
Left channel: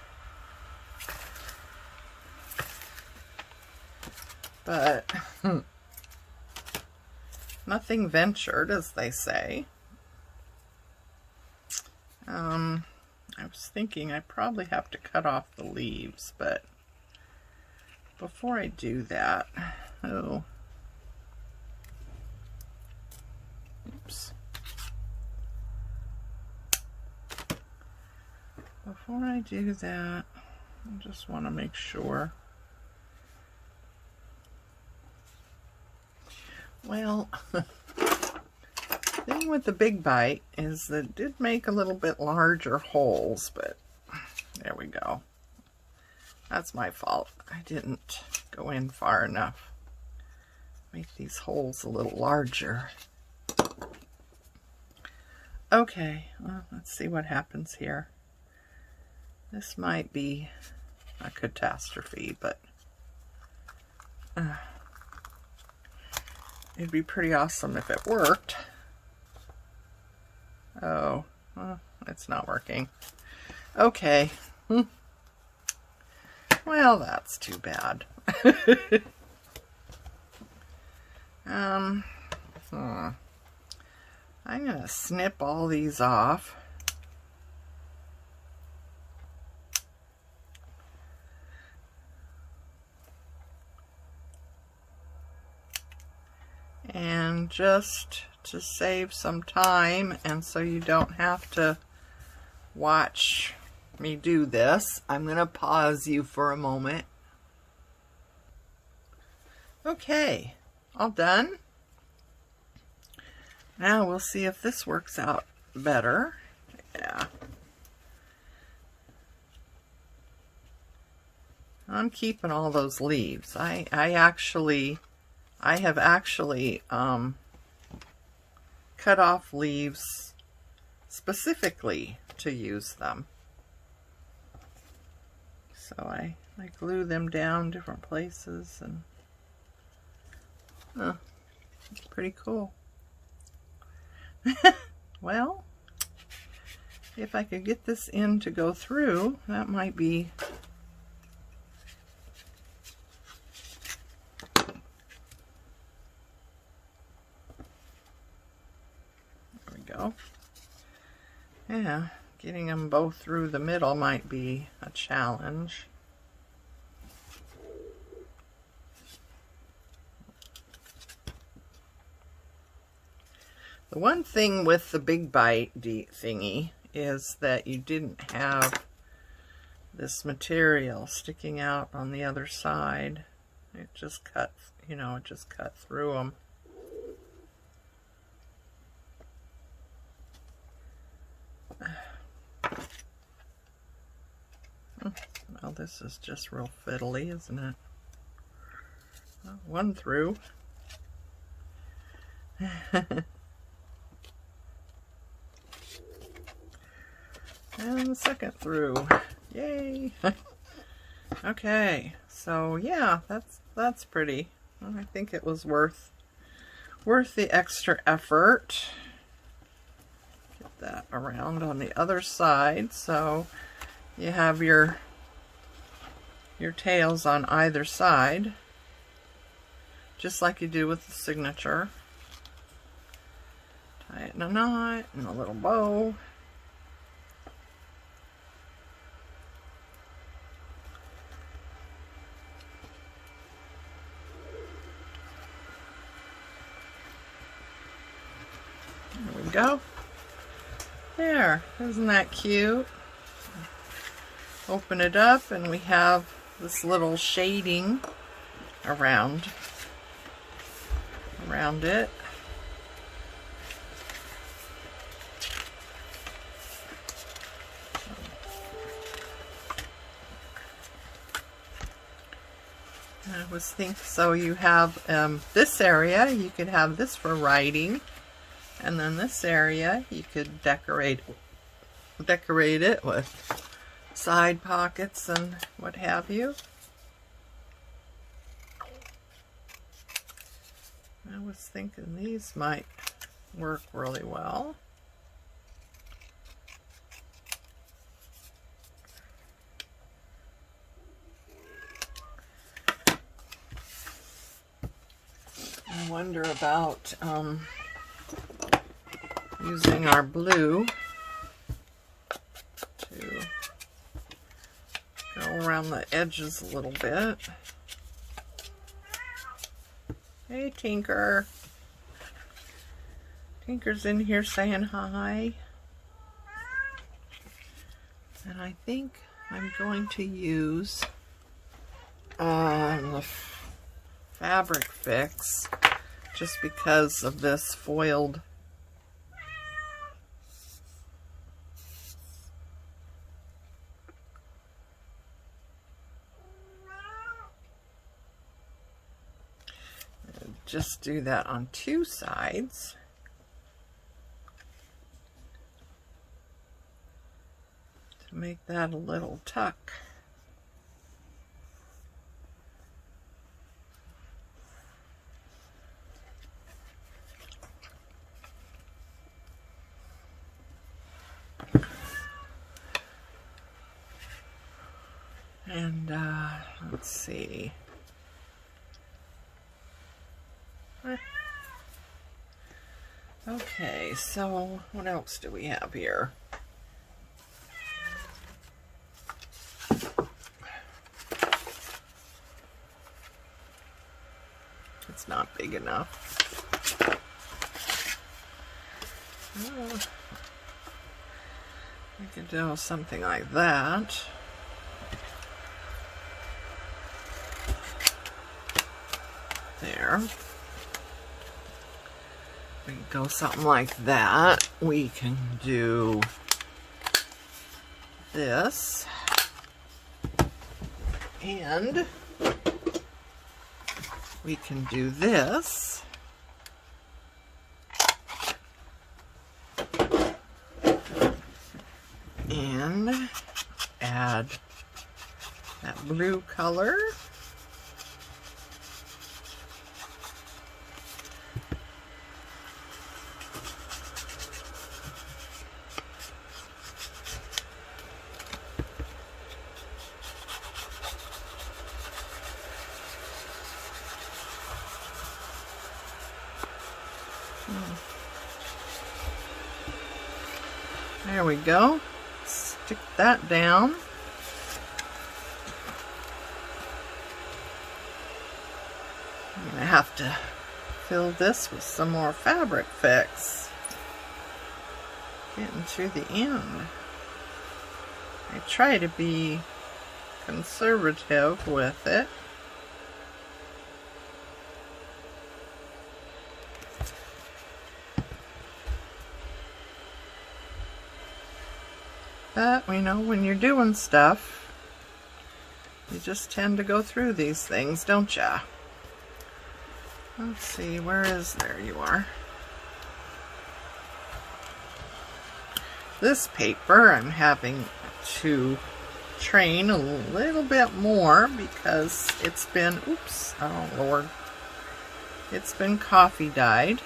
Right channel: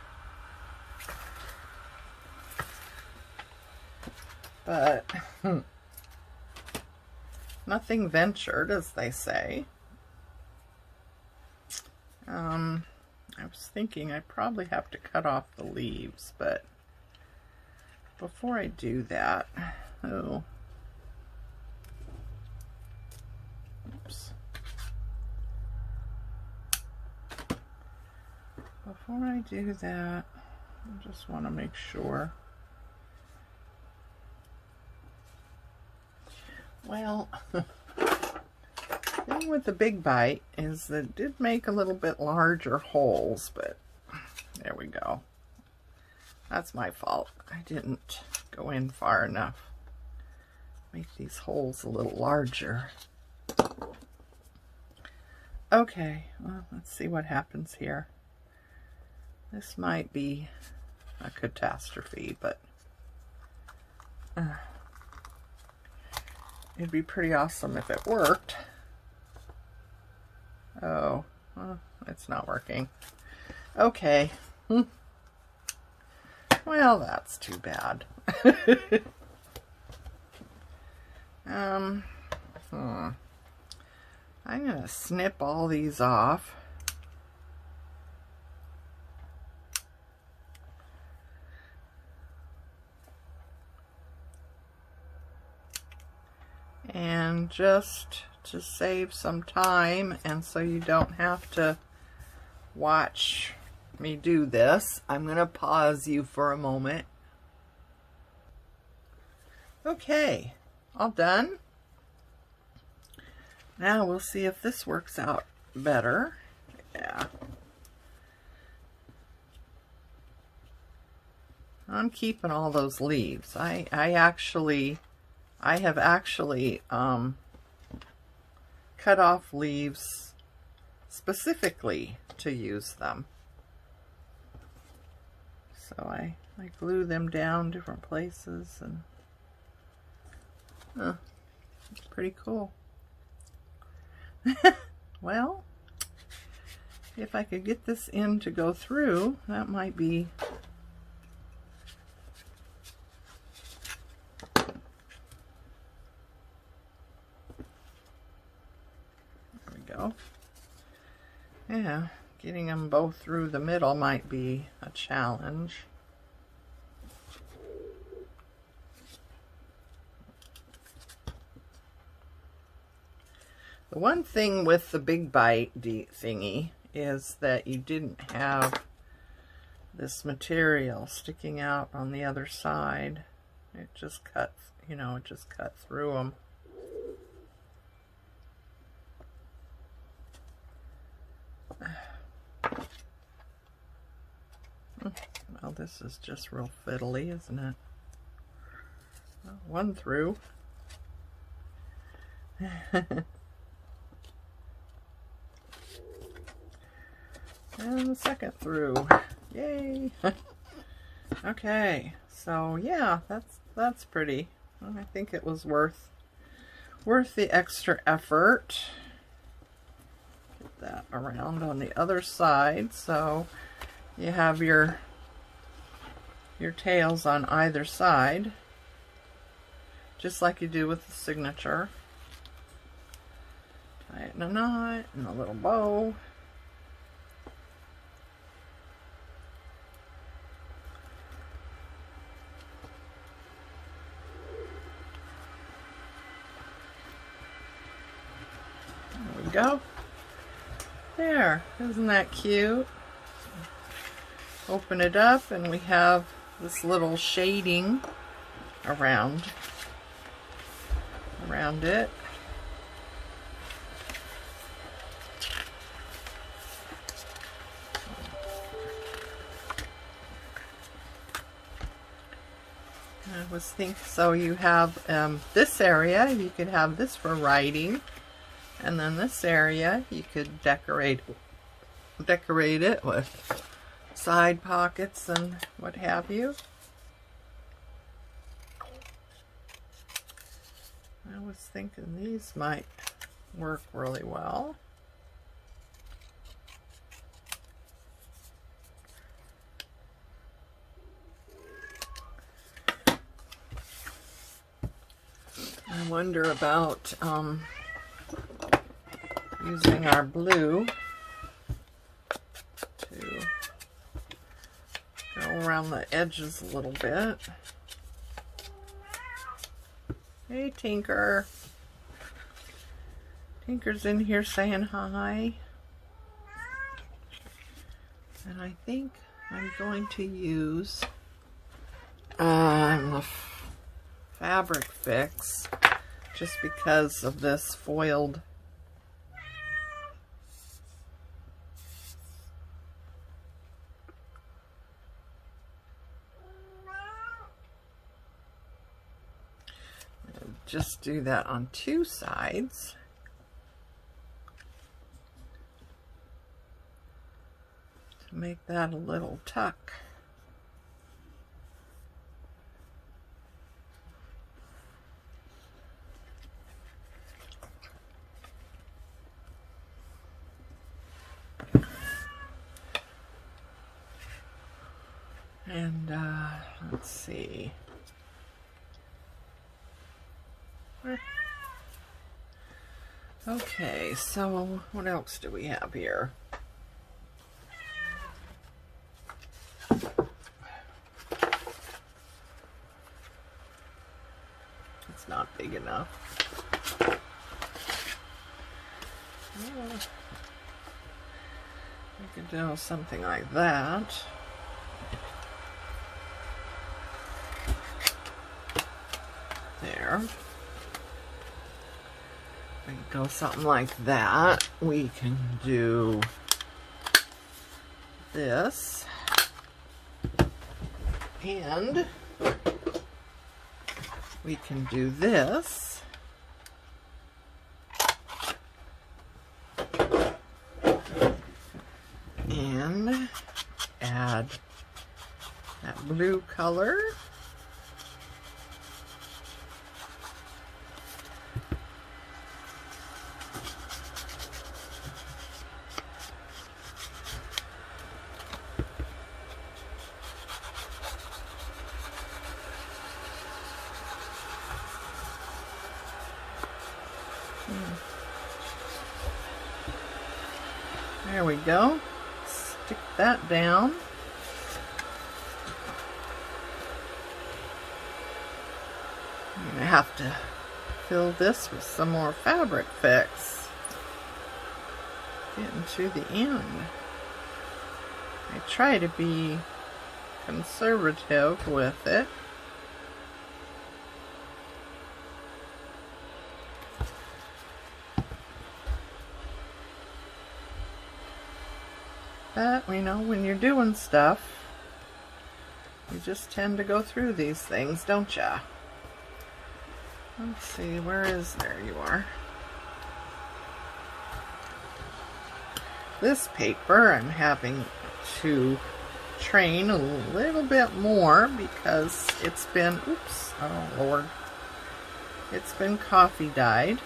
But nothing ventured, as they say. I was thinking I probably have to cut off the leaves, but before I do that, oops. Before I do that, I just want to make sure. Well, the thing with the big bite is that it did make a little bit larger holes, but there we go. That's my fault. I didn't go in far enough. Make these holes a little larger. Okay, well, let's see what happens here. This might be a catastrophe, but it'd be pretty awesome if it worked. Oh, well, it's not working. Okay. Well, that's too bad. I'm gonna snip all these off. And just to save some time, and so you don't have to watch me do this, I'm going to pause you for a moment. Okay, all done. Now we'll see if this works out better. Yeah. I'm keeping all those leaves. I have actually cut off leaves specifically to use them. So I glue them down different places, and it's pretty cool. Well, if I could get this end to go through, that might be go. Yeah, Getting them both through the middle might be a challenge. The one thing with the Big Bite thingy is that you didn't have this material sticking out on the other side. It just cut, you know, it just cut through them. Well, this is just real fiddly, isn't it? Well, one through. And the second through. Yay! Okay, so yeah, that's pretty. Well, I think it was worth the extra effort. Get that around on the other side, so you have your tails on either side, just like you do with the signature. Tie it in a knot and a little bow. There we go. There, isn't that cute? Open it up and we have this little shading around it. I was thinking, so you have this area, you could have this for writing, and then this area you could decorate it with side pockets and what have you. I was thinking these might work really well. I wonder about using our blue to go around the edges a little bit. Hey, Tinker. Tinker's in here saying hi. And I think I'm going to use the Fabric Fix just because of this foiled just do that on two sides. To make that a little tuck. And let's see. Okay, so what else do we have here? It's not big enough. Oh, we could do something like that. There. We can go something like that. We can do this. And we can do this. And add that blue color. There we go. stick that down. I'm gonna have to fill this with some more fabric fix. Getting to the end. I try to be conservative with it. But we know when you're doing stuff, you just tend to go through these things, don't ya? Let's see, where is, there you are. This paper I'm having to train a little bit more because it's been, oops, oh Lord, it's been coffee dyed,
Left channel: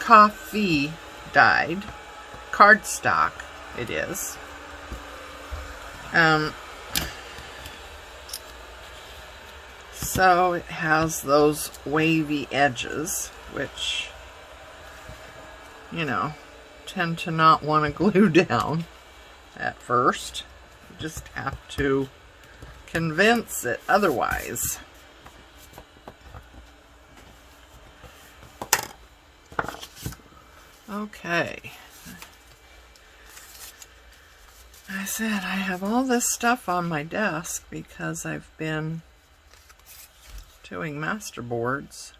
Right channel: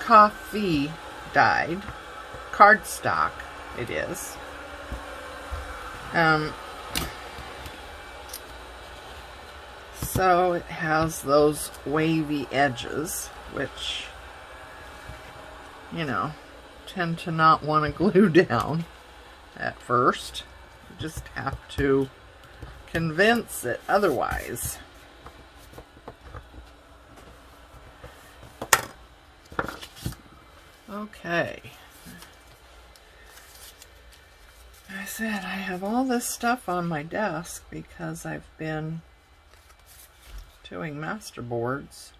cardstock it is. So it has those wavy edges, which, you know, tend to not want to glue down at first. You just have to convince it otherwise. Okay. I said I have all this stuff on my desk because I've been doing masterboards.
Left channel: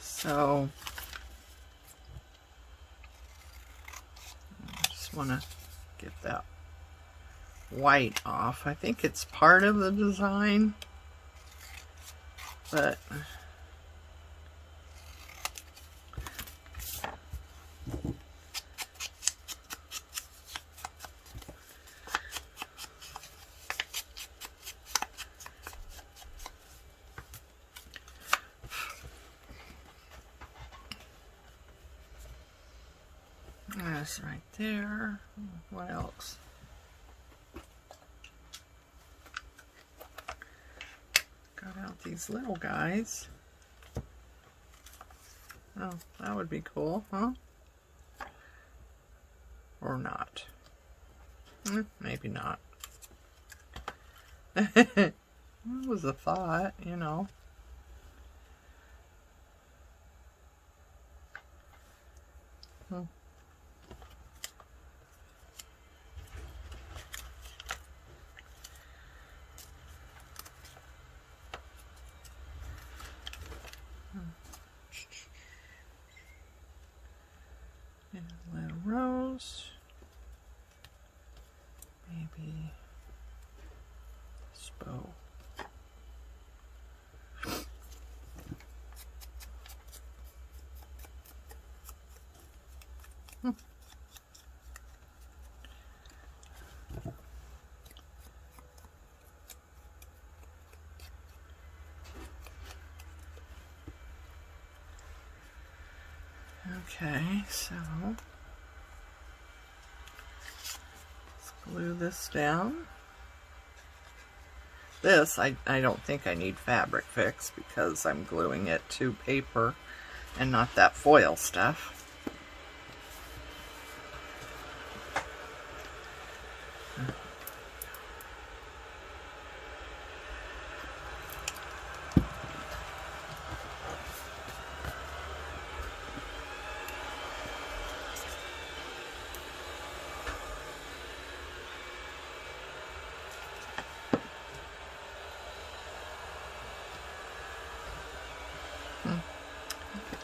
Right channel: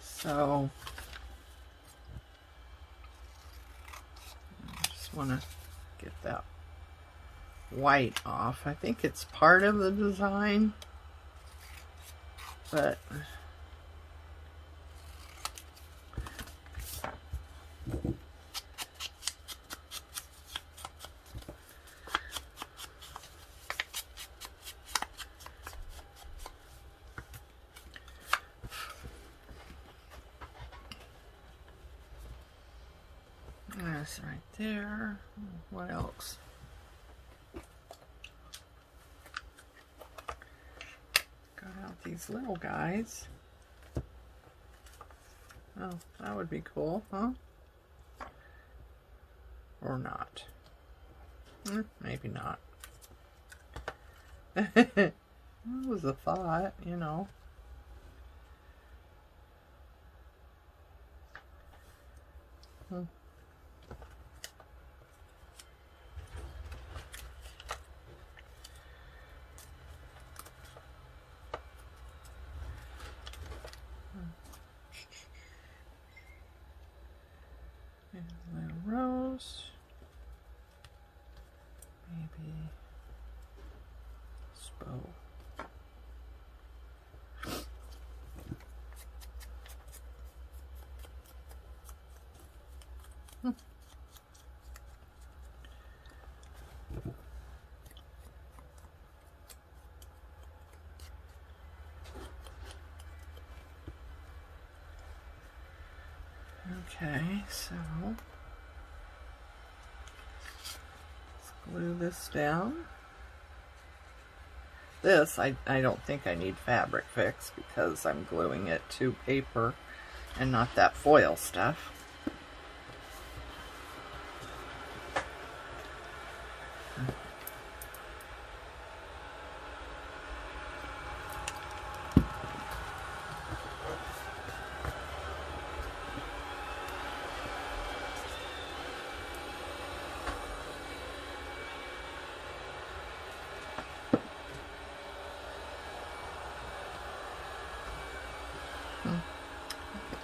So I just want to get that white off. I think it's part of the design, but that's right there. What else? Got out these little guys. Oh, that would be cool, huh? Or not. Maybe not. It was a thought, you know. And a little rose. Maybe this bow. Okay, so let's glue this down. This, I don't think I need fabric fix because I'm gluing it to paper and not that foil stuff.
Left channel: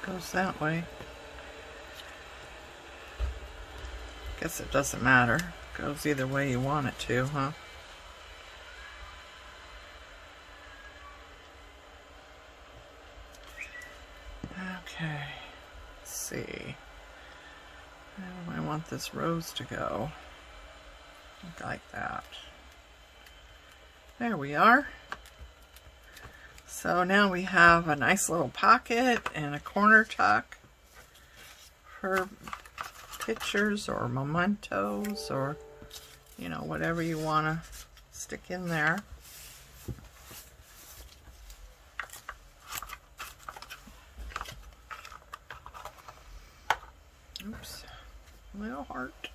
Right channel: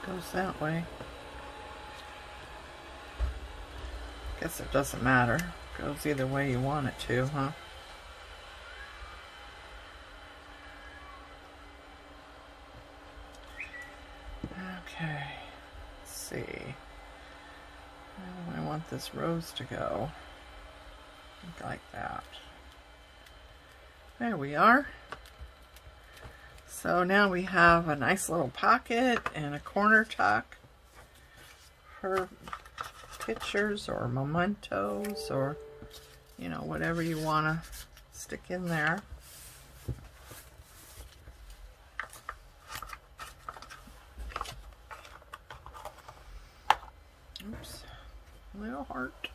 Goes that way. Guess it doesn't matter. Goes either way you want it to, huh? Okay. Let's see. Where do I want this rose to go? Like that. There we are. So now we have a nice little pocket and a corner tuck for pictures or mementos or, you know, whatever you want to stick in there. Oops, little heart.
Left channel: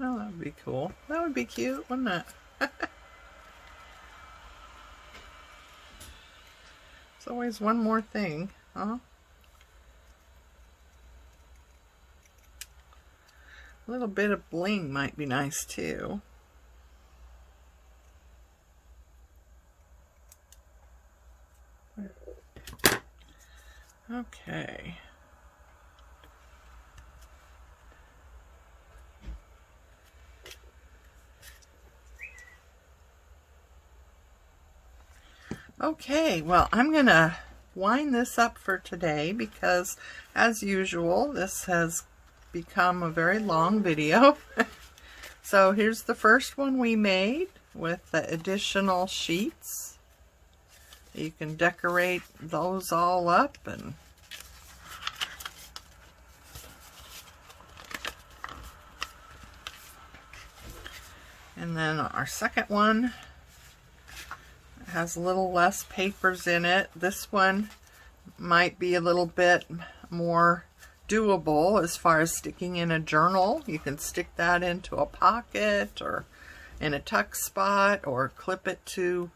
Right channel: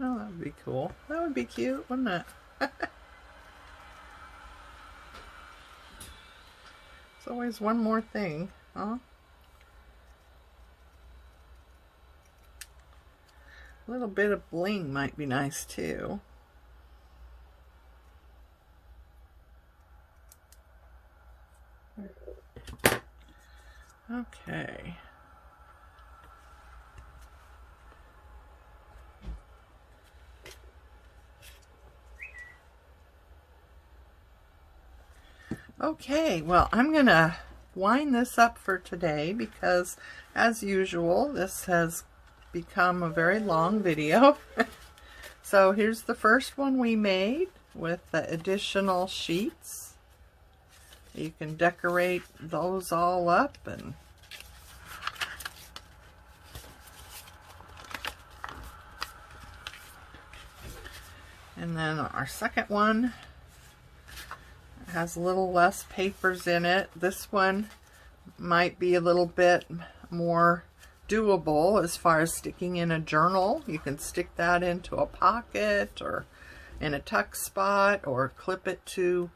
Oh, that would be cool. That would be cute, wouldn't it? There's always one more thing, huh? A little bit of bling might be nice too. Okay. Okay, well, I'm going to wind this up for today because, as usual, this has become a very long video. So here's the first one we made with the additional sheets. You can decorate those all up, and then our second one has a little less papers in it. This one might be a little bit more doable as far as sticking in a journal. You can stick that into a pocket or in a tuck spot, or clip it to,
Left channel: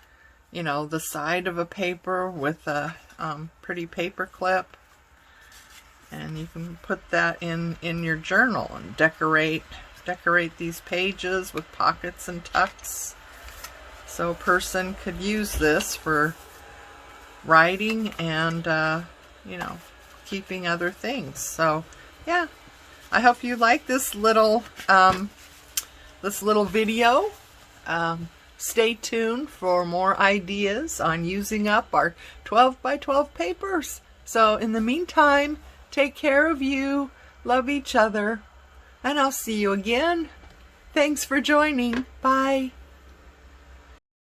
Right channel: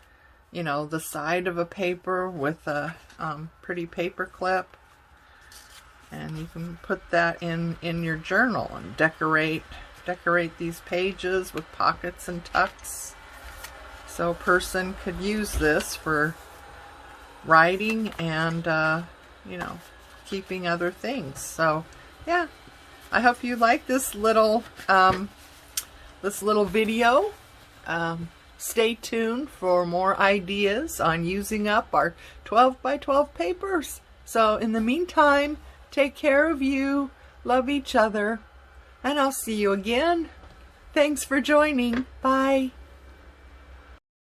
you know, the side of a paper with a pretty paper clip, and you can put that in your journal and decorate these pages with pockets and tucks. So a person could use this for writing and you know, keeping other things. So yeah, I hope you like this little video. Stay tuned for more ideas on using up our 12 by 12 papers. So in the meantime, take care of you, love each other, and I'll see you again. Thanks for joining. Bye.